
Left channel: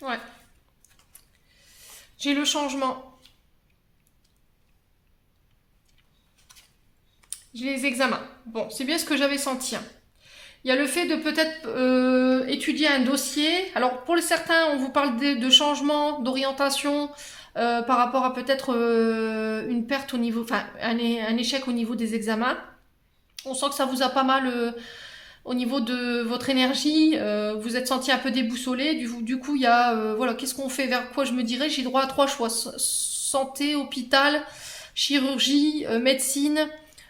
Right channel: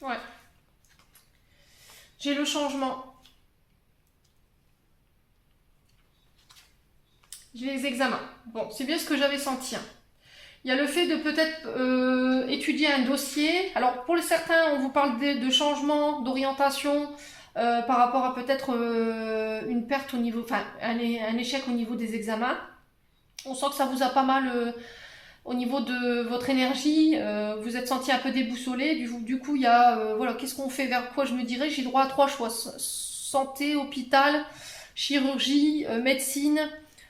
Ouais. J'ai le changement. J'ai les examens. Bon, c'est bien ce que j'avais senti. Hein. Il y a le fait de peut-être étudier un dossier. Alors, pour certains, on vous parle de changement, d'orientation par rapport à peut-être une perte au niveau, enfin, un échec au niveau des examens. On sent que ça vous a pas mal au niveau de votre énergie, vous êtes senti un peu déboussolé. Du coup, il y a, voilà, qu'est-ce qu'on fait, vers quoi je me dirais? J'ai droit à 3 choix. Santé, hôpital, chirurgie, médecine,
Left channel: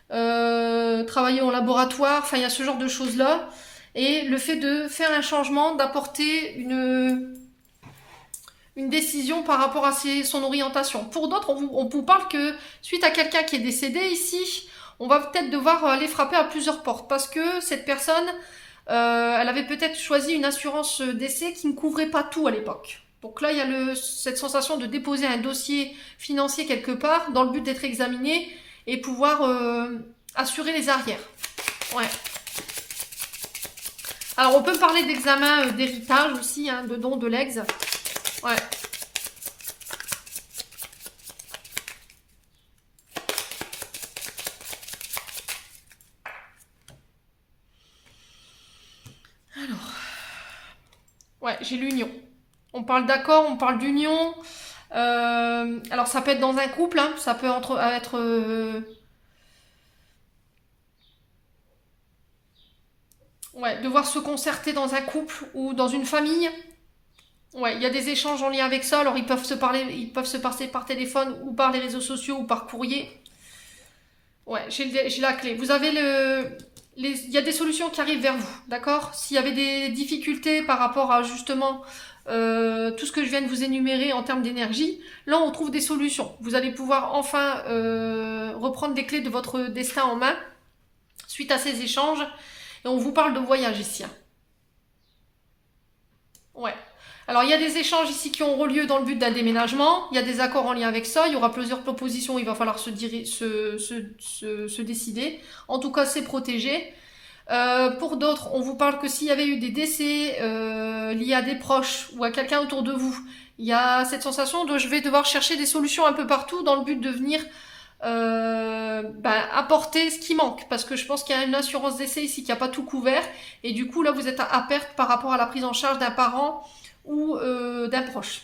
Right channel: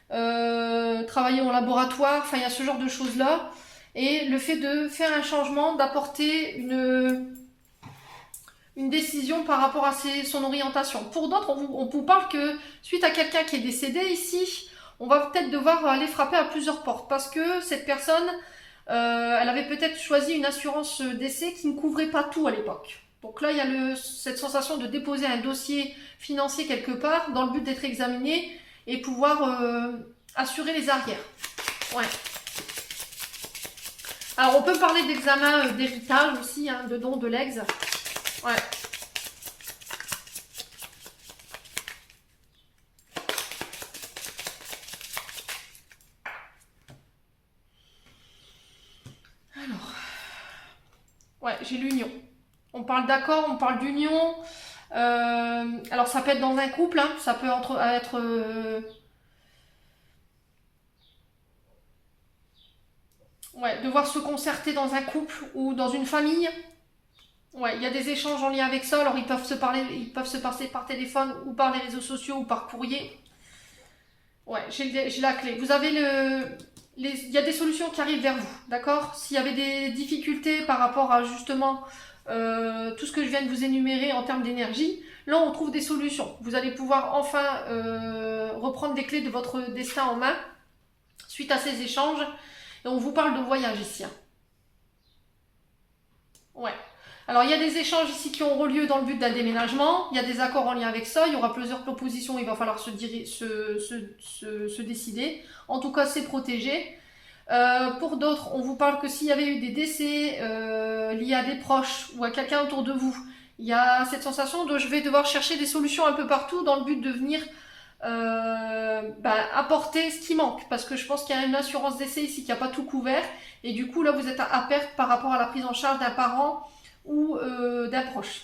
travailler en laboratoire, enfin, il y a ce genre de choses-là. Et le fait de faire un changement, d'apporter une décision par rapport à son orientation. Pour d'autres, on vous parle que suite à quelqu'un qui est décédé ici, on va peut-être devoir aller frapper à plusieurs portes parce que cette personne, elle avait peut-être choisi une assurance décès qui ne couvrait pas tout à l'époque. Donc là, il y a cette sensation de déposer un dossier financier quelque part dans le but d'être examiné et pouvoir assurer les arrières. Ouais. Alors, on peut parler d'examen d'héritage aussi, hein, de don de legs. Ouais. Alors, ouais, j'ai l'union. On parle d'accord, on parle d'union. Alors, ça peut être dans un couple, hein, ça peut être ouais, devoir se concerter dans un couple ou dans une famille. Ouais, il y a des échanges en lien avec ça. Alors, ils peuvent se passer par téléphone ou par les réseaux sociaux ou par courrier. Ouais, j'ai la clé. Vous avez il y a des solutions qui arrivent vers vous, d'accord? S'il y avait des difficultés par rapport à justement tout ce que je viens de vous énumérer en termes d'énergie, là on trouve des solutions. Vous allez pouvoir enfin reprendre des clés de votre destin en main suite à ces échanges. Et on vous parle de voyage ici, hein. Ouais. Alors, il y a des échanges ici qui auront lieu dans le but d'un déménagement. Il y a des accords en lien avec ça. Il y aura plusieurs propositions. Il va falloir se décider. En tout cas, c'est protégé. Pour d'autres, on vous parle que s'il y avait eu des décès liés à des proches ou à quelqu'un autour de vous, il y a cette sensation de je vais devoir chercher des solutions un peu partout dans le but de venir apporter ce qui manque. Parce que je pense qu'il y a une assurance décès ici qui n'a pas tout couvert. Et du coup, là, vous êtes à perte par rapport à la prise en charge d'un parent ou d'un proche.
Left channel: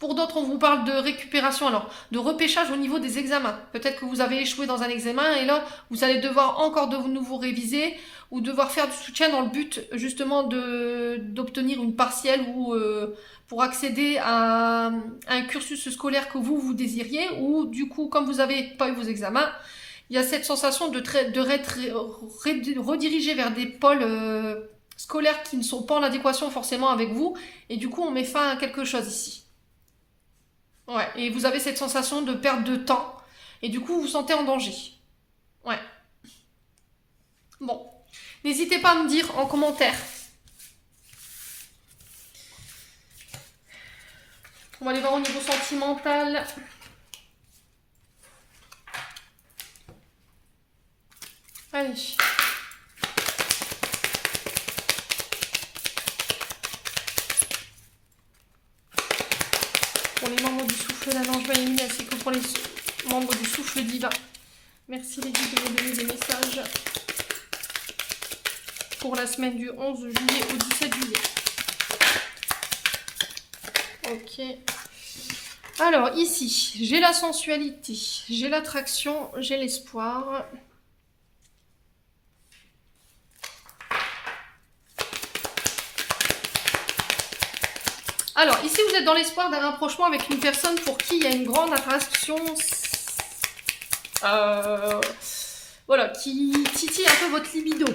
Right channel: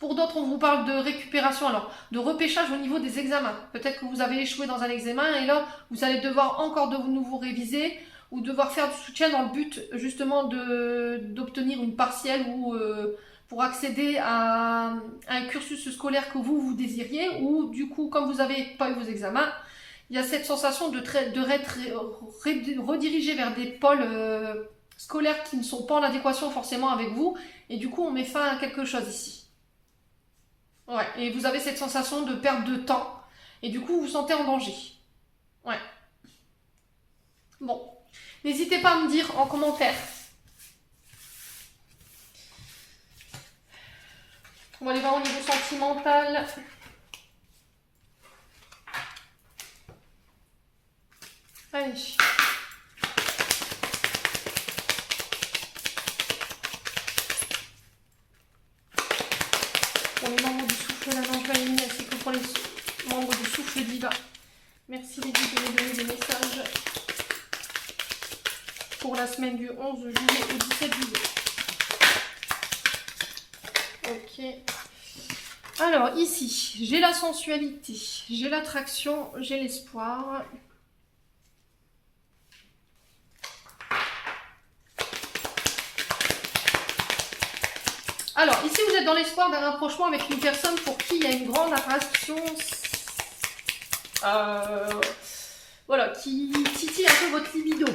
Pour d'autres, on vous parle de récupération, alors de repêchage au niveau des examens. Peut-être que vous avez échoué dans un examen et là, vous allez devoir encore de nouveau réviser ou devoir faire du soutien dans le but justement d'obtenir une partielle ou pour accéder à un cursus scolaire que vous désiriez ou du coup, comme vous n'avez pas eu vos examens, il y a cette sensation de rediriger vers des pôles scolaires qui ne sont pas en adéquation forcément avec vous et du coup, on met fin à quelque chose ici. Ouais, et vous avez cette sensation de perte de temps. Et du coup, vous vous sentez en danger. Ouais. Bon. N'hésitez pas à me dire en commentaire. On va aller voir au niveau sentimental. Allez. Pour les membres du souffle d'Ange Maïmine, ainsi que pour les membres du souffle divin. Merci les guides de me donner des messages pour la semaine du 11 juillet au 17 juillet. Ok. Alors ici, j'ai la sensualité, j'ai l'attraction, j'ai l'espoir. Alors, ici, vous êtes dans l'espoir d'un rapprochement avec une personne pour qui il y a une grande attraction, voilà, qui titille un peu votre libido.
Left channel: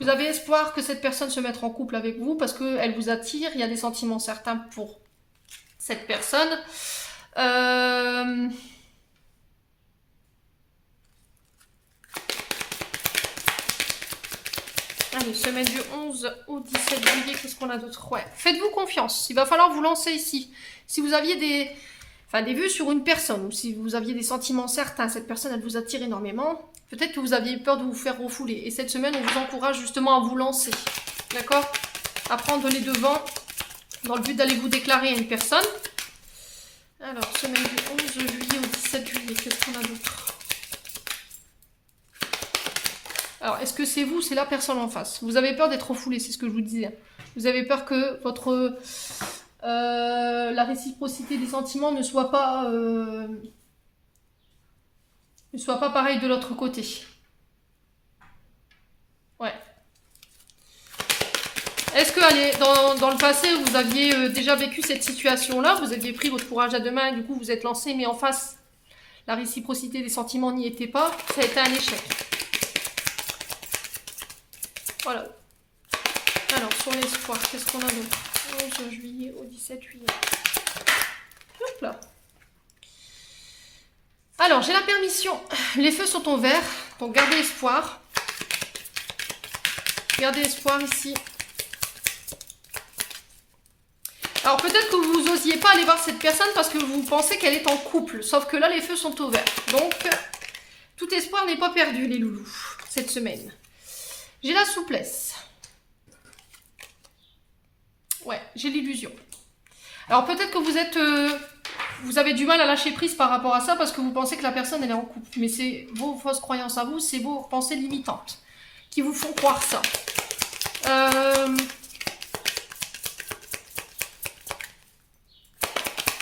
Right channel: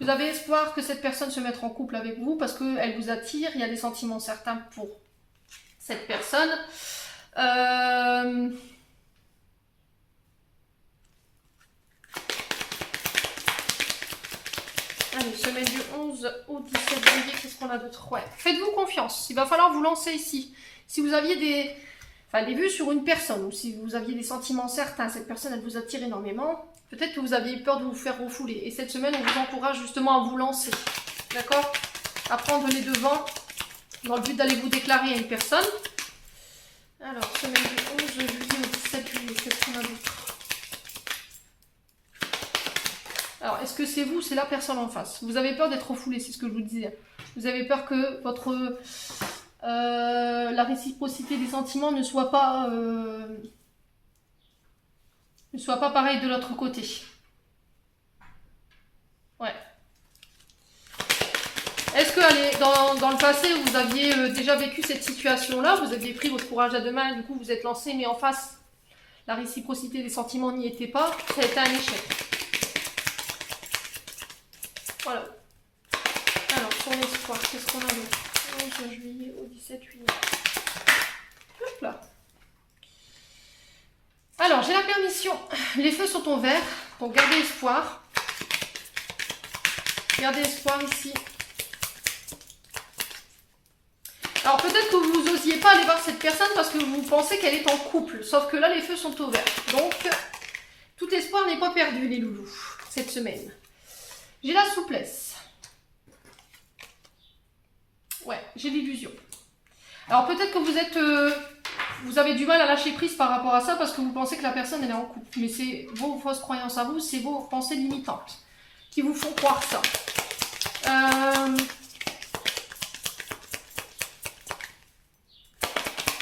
Vous avez espoir que cette personne se mette en couple avec vous parce qu'elle vous attire, il y a des sentiments certains pour cette personne. Allez, semaine du 11 au 17 juillet, qu'est-ce qu'on a d'autre? Ouais. Faites-vous confiance, il va falloir vous lancer ici. Si vous aviez des vues sur une personne, ou si vous aviez des sentiments certains, cette personne elle vous attire énormément, peut-être que vous aviez peur de vous faire refouler. Et cette semaine, on vous encourage justement à vous lancer, d'accord? À prendre les devants dans le but d'aller vous déclarer à une personne. Alors, semaine du 11 juillet au 17 juillet, qu'est-ce qu'on a d'autre? Alors, est-ce que c'est vous, c'est la personne en face? Vous avez peur d'être refoulé, c'est ce que je vous disais. Vous avez peur que la réciprocité des sentiments ne soit pas pareille de l'autre côté. Ouais. Est-ce que allez, dans le passé, vous aviez déjà vécu cette situation-là? Vous aviez pris votre courage à deux mains et du coup vous êtes lancé, mais en face, la réciprocité des sentiments n'y était pas. Ça a été un échec. Voilà. Alors, sur l'espoir, qu'est-ce qu'on a d'autre? 11 juillet au 17 juillet. Hop là. Alors, j'ai la permission. Les feux sont au vert, donc gardez espoir. Gardez espoir ici. Alors, peut-être que vous n'osiez pas aller voir cette personne parce que vous pensez qu'elle est en couple. Sauf que là, les feux sont au vert. Donc, tout espoir n'est pas perdu, les loulous, cette semaine. J'ai la souplesse. Ouais, j'ai l'illusion. Alors, peut-être que vous avez du mal à lâcher prise par rapport à ça parce que vous pensez que la personne, elle est en couple. Mais c'est vos fausses croyances à vous, c'est vos pensées limitantes qui vous font croire ça.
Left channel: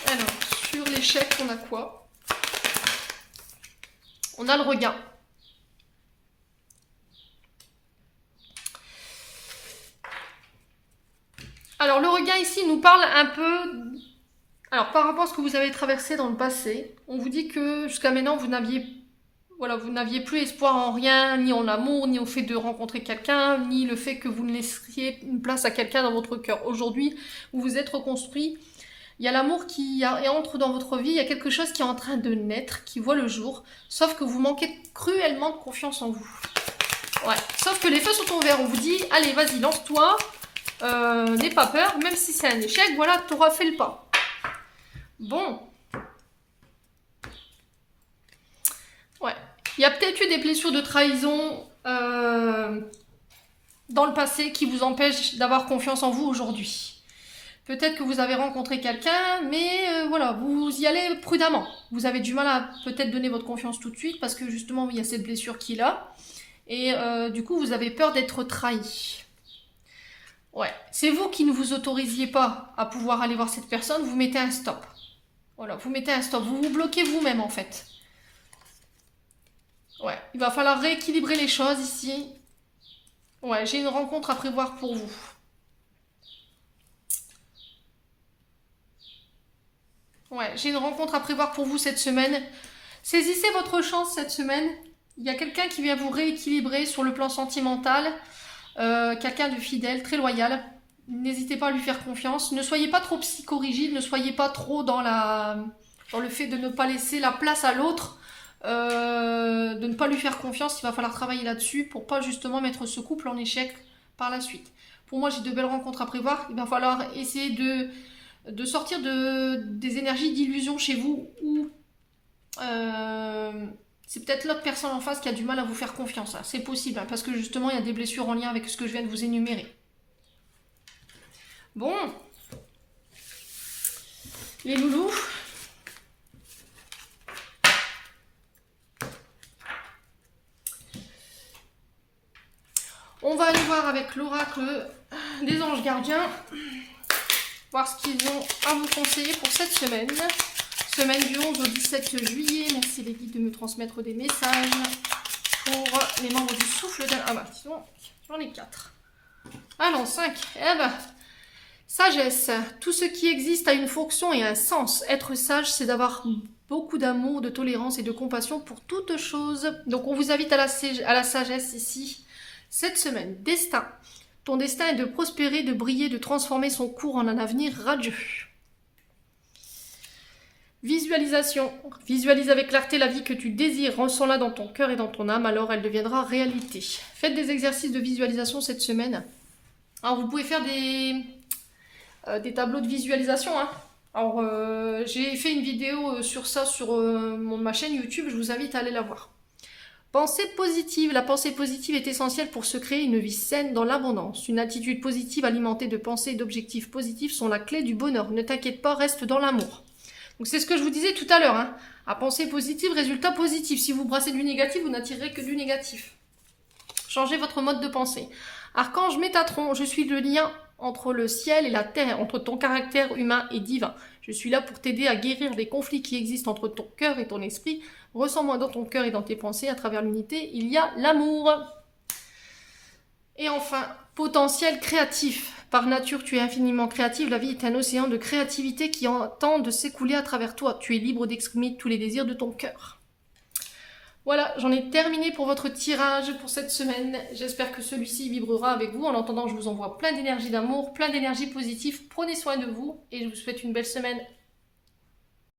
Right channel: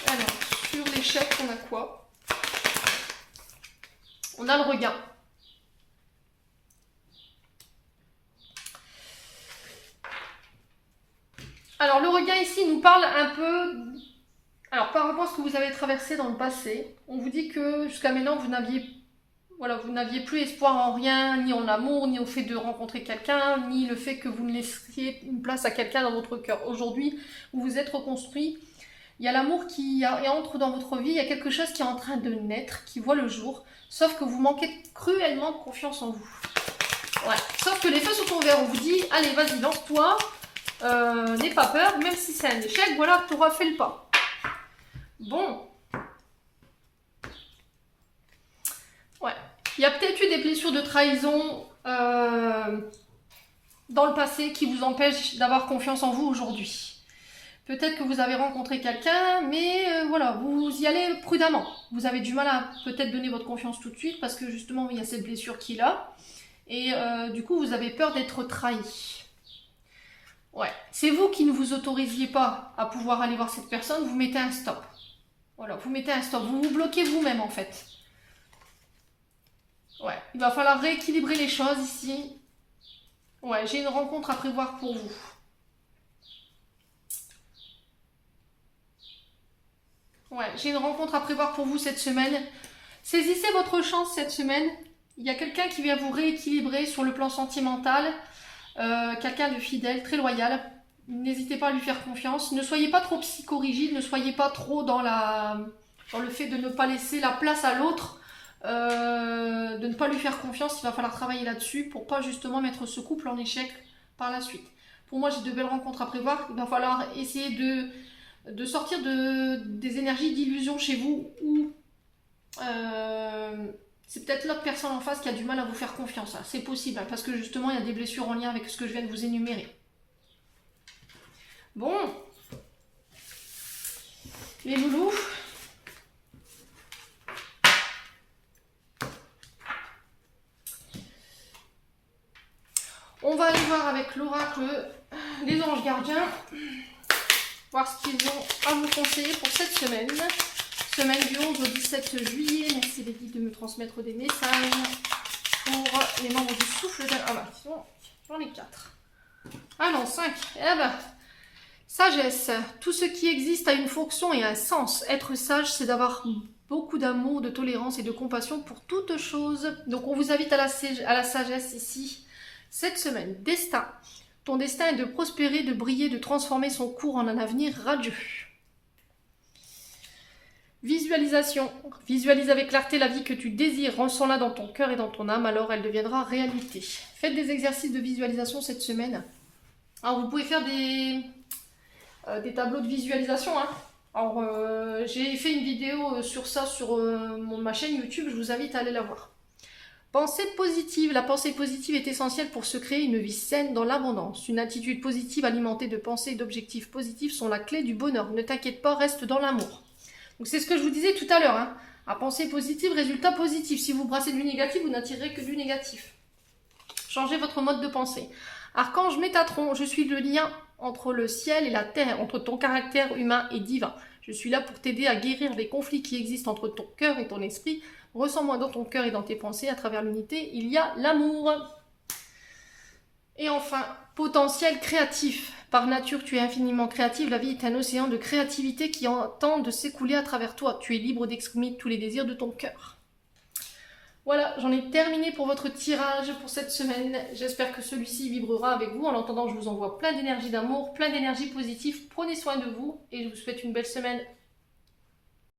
Alors, sur l'échec, on a quoi? On a le regain. Alors, le regain ici nous parle un peu... Alors, par rapport à ce que vous avez traversé dans le passé, on vous dit que jusqu'à maintenant, vous n'aviez plus espoir en rien, ni en amour, ni au fait de rencontrer quelqu'un, ni le fait que vous ne laissiez une place à quelqu'un dans votre cœur. Aujourd'hui, vous vous êtes reconstruit. Il y a l'amour qui entre dans votre vie, il y a quelque chose qui est en train de naître, qui voit le jour, sauf que vous manquez cruellement de confiance en vous. Ouais. Sauf que les feux sont ouverts, on vous dit, allez, vas-y, lance-toi, n'aie pas peur, même si c'est un échec, voilà, tu auras fait le pas. Bon. Ouais. Il y a peut-être eu des blessures de trahison dans le passé qui vous empêchent d'avoir confiance en vous aujourd'hui. Peut-être que vous avez rencontré quelqu'un, mais voilà, vous y allez prudemment. Vous avez du mal à peut-être donner votre confiance tout de suite parce que justement, il y a cette blessure qui est là. Et du coup, vous avez peur d'être trahi. Ouais, c'est vous qui ne vous autorisiez pas à pouvoir aller voir cette personne, vous mettez un stop. Voilà, vous mettez un stop, vous vous bloquez vous-même en fait. Ouais, il va falloir rééquilibrer les choses ici. Ouais, j'ai une rencontre à prévoir pour vous. Ouais, j'ai une rencontre à prévoir pour vous cette semaine. Saisissez votre chance cette semaine. Il y a quelqu'un qui vient vous rééquilibrer sur le plan sentimental. Quelqu'un de fidèle, très loyal. N'hésitez pas à lui faire confiance. Ne soyez pas trop psychorigide, ne soyez pas trop dans le fait de ne pas laisser la place à l'autre, de ne pas lui faire confiance. Il va falloir travailler là-dessus pour pas justement mettre ce couple en échec par la suite. Pour moi, j'ai de belles rencontres à prévoir. Il va falloir essayer de sortir des énergies d'illusion chez vous ou c'est peut-être l'autre personne en face qui a du mal à vous faire confiance. C'est possible, hein, parce que justement, il y a des blessures en lien avec ce que je viens de vous énumérer. Bon. Les loulous. On va aller voir avec l'oracle des anges gardiens. Voir ce qu'ils ont à vous conseiller pour cette semaine. Semaine du 11 au 17 juillet. Merci les guides de me transmettre des messages pour les membres du souffle de... Ah bah, j'en ai 4. Ah non, 5. Eh ben, sagesse. Tout ce qui existe a une fonction et un sens. Être sage, c'est d'avoir beaucoup d'amour, de tolérance et de compassion pour toute chose. Donc on vous invite à la sagesse ici. Cette semaine, destin. Ton destin est de prospérer, de briller, de transformer son cours en un avenir radieux. Visualisation. Visualise avec clarté la vie que tu désires. Ressens-la dans ton cœur et dans ton âme, alors elle deviendra réalité. Faites des exercices de visualisation cette semaine. Alors vous pouvez faire des tableaux de visualisation. Hein. Alors j'ai fait une vidéo sur ça sur ma chaîne YouTube, je vous invite à aller la voir. Pensée positive. La pensée positive est essentielle pour se créer une vie saine dans l'abondance. Une attitude positive alimentée de pensées et d'objectifs positifs sont la clé du bonheur. Ne t'inquiète pas, reste dans l'amour. Donc c'est ce que je vous disais tout à l'heure. Hein. À pensée positive, résultat positif. Si vous brassez du négatif, vous n'attirerez que du négatif. Changez votre mode de pensée. Archange Métatron, je suis le lien entre le ciel et la terre, entre ton caractère humain et divin. Je suis là pour t'aider à guérir des conflits qui existent entre ton cœur et ton esprit. Ressens-moi dans ton cœur et dans tes pensées. À travers l'unité, il y a l'amour. Et enfin, potentiel créatif. Par nature, tu es infiniment créative. La vie est un océan de créativité qui entend de s'écouler à travers toi. Tu es libre d'exprimer tous les désirs de ton cœur. Voilà, j'en ai terminé pour votre tirage pour cette semaine. J'espère que celui-ci vibrera avec vous. En attendant, je vous envoie plein d'énergie d'amour, plein d'énergie positive. Prenez soin de vous et je vous souhaite une belle semaine.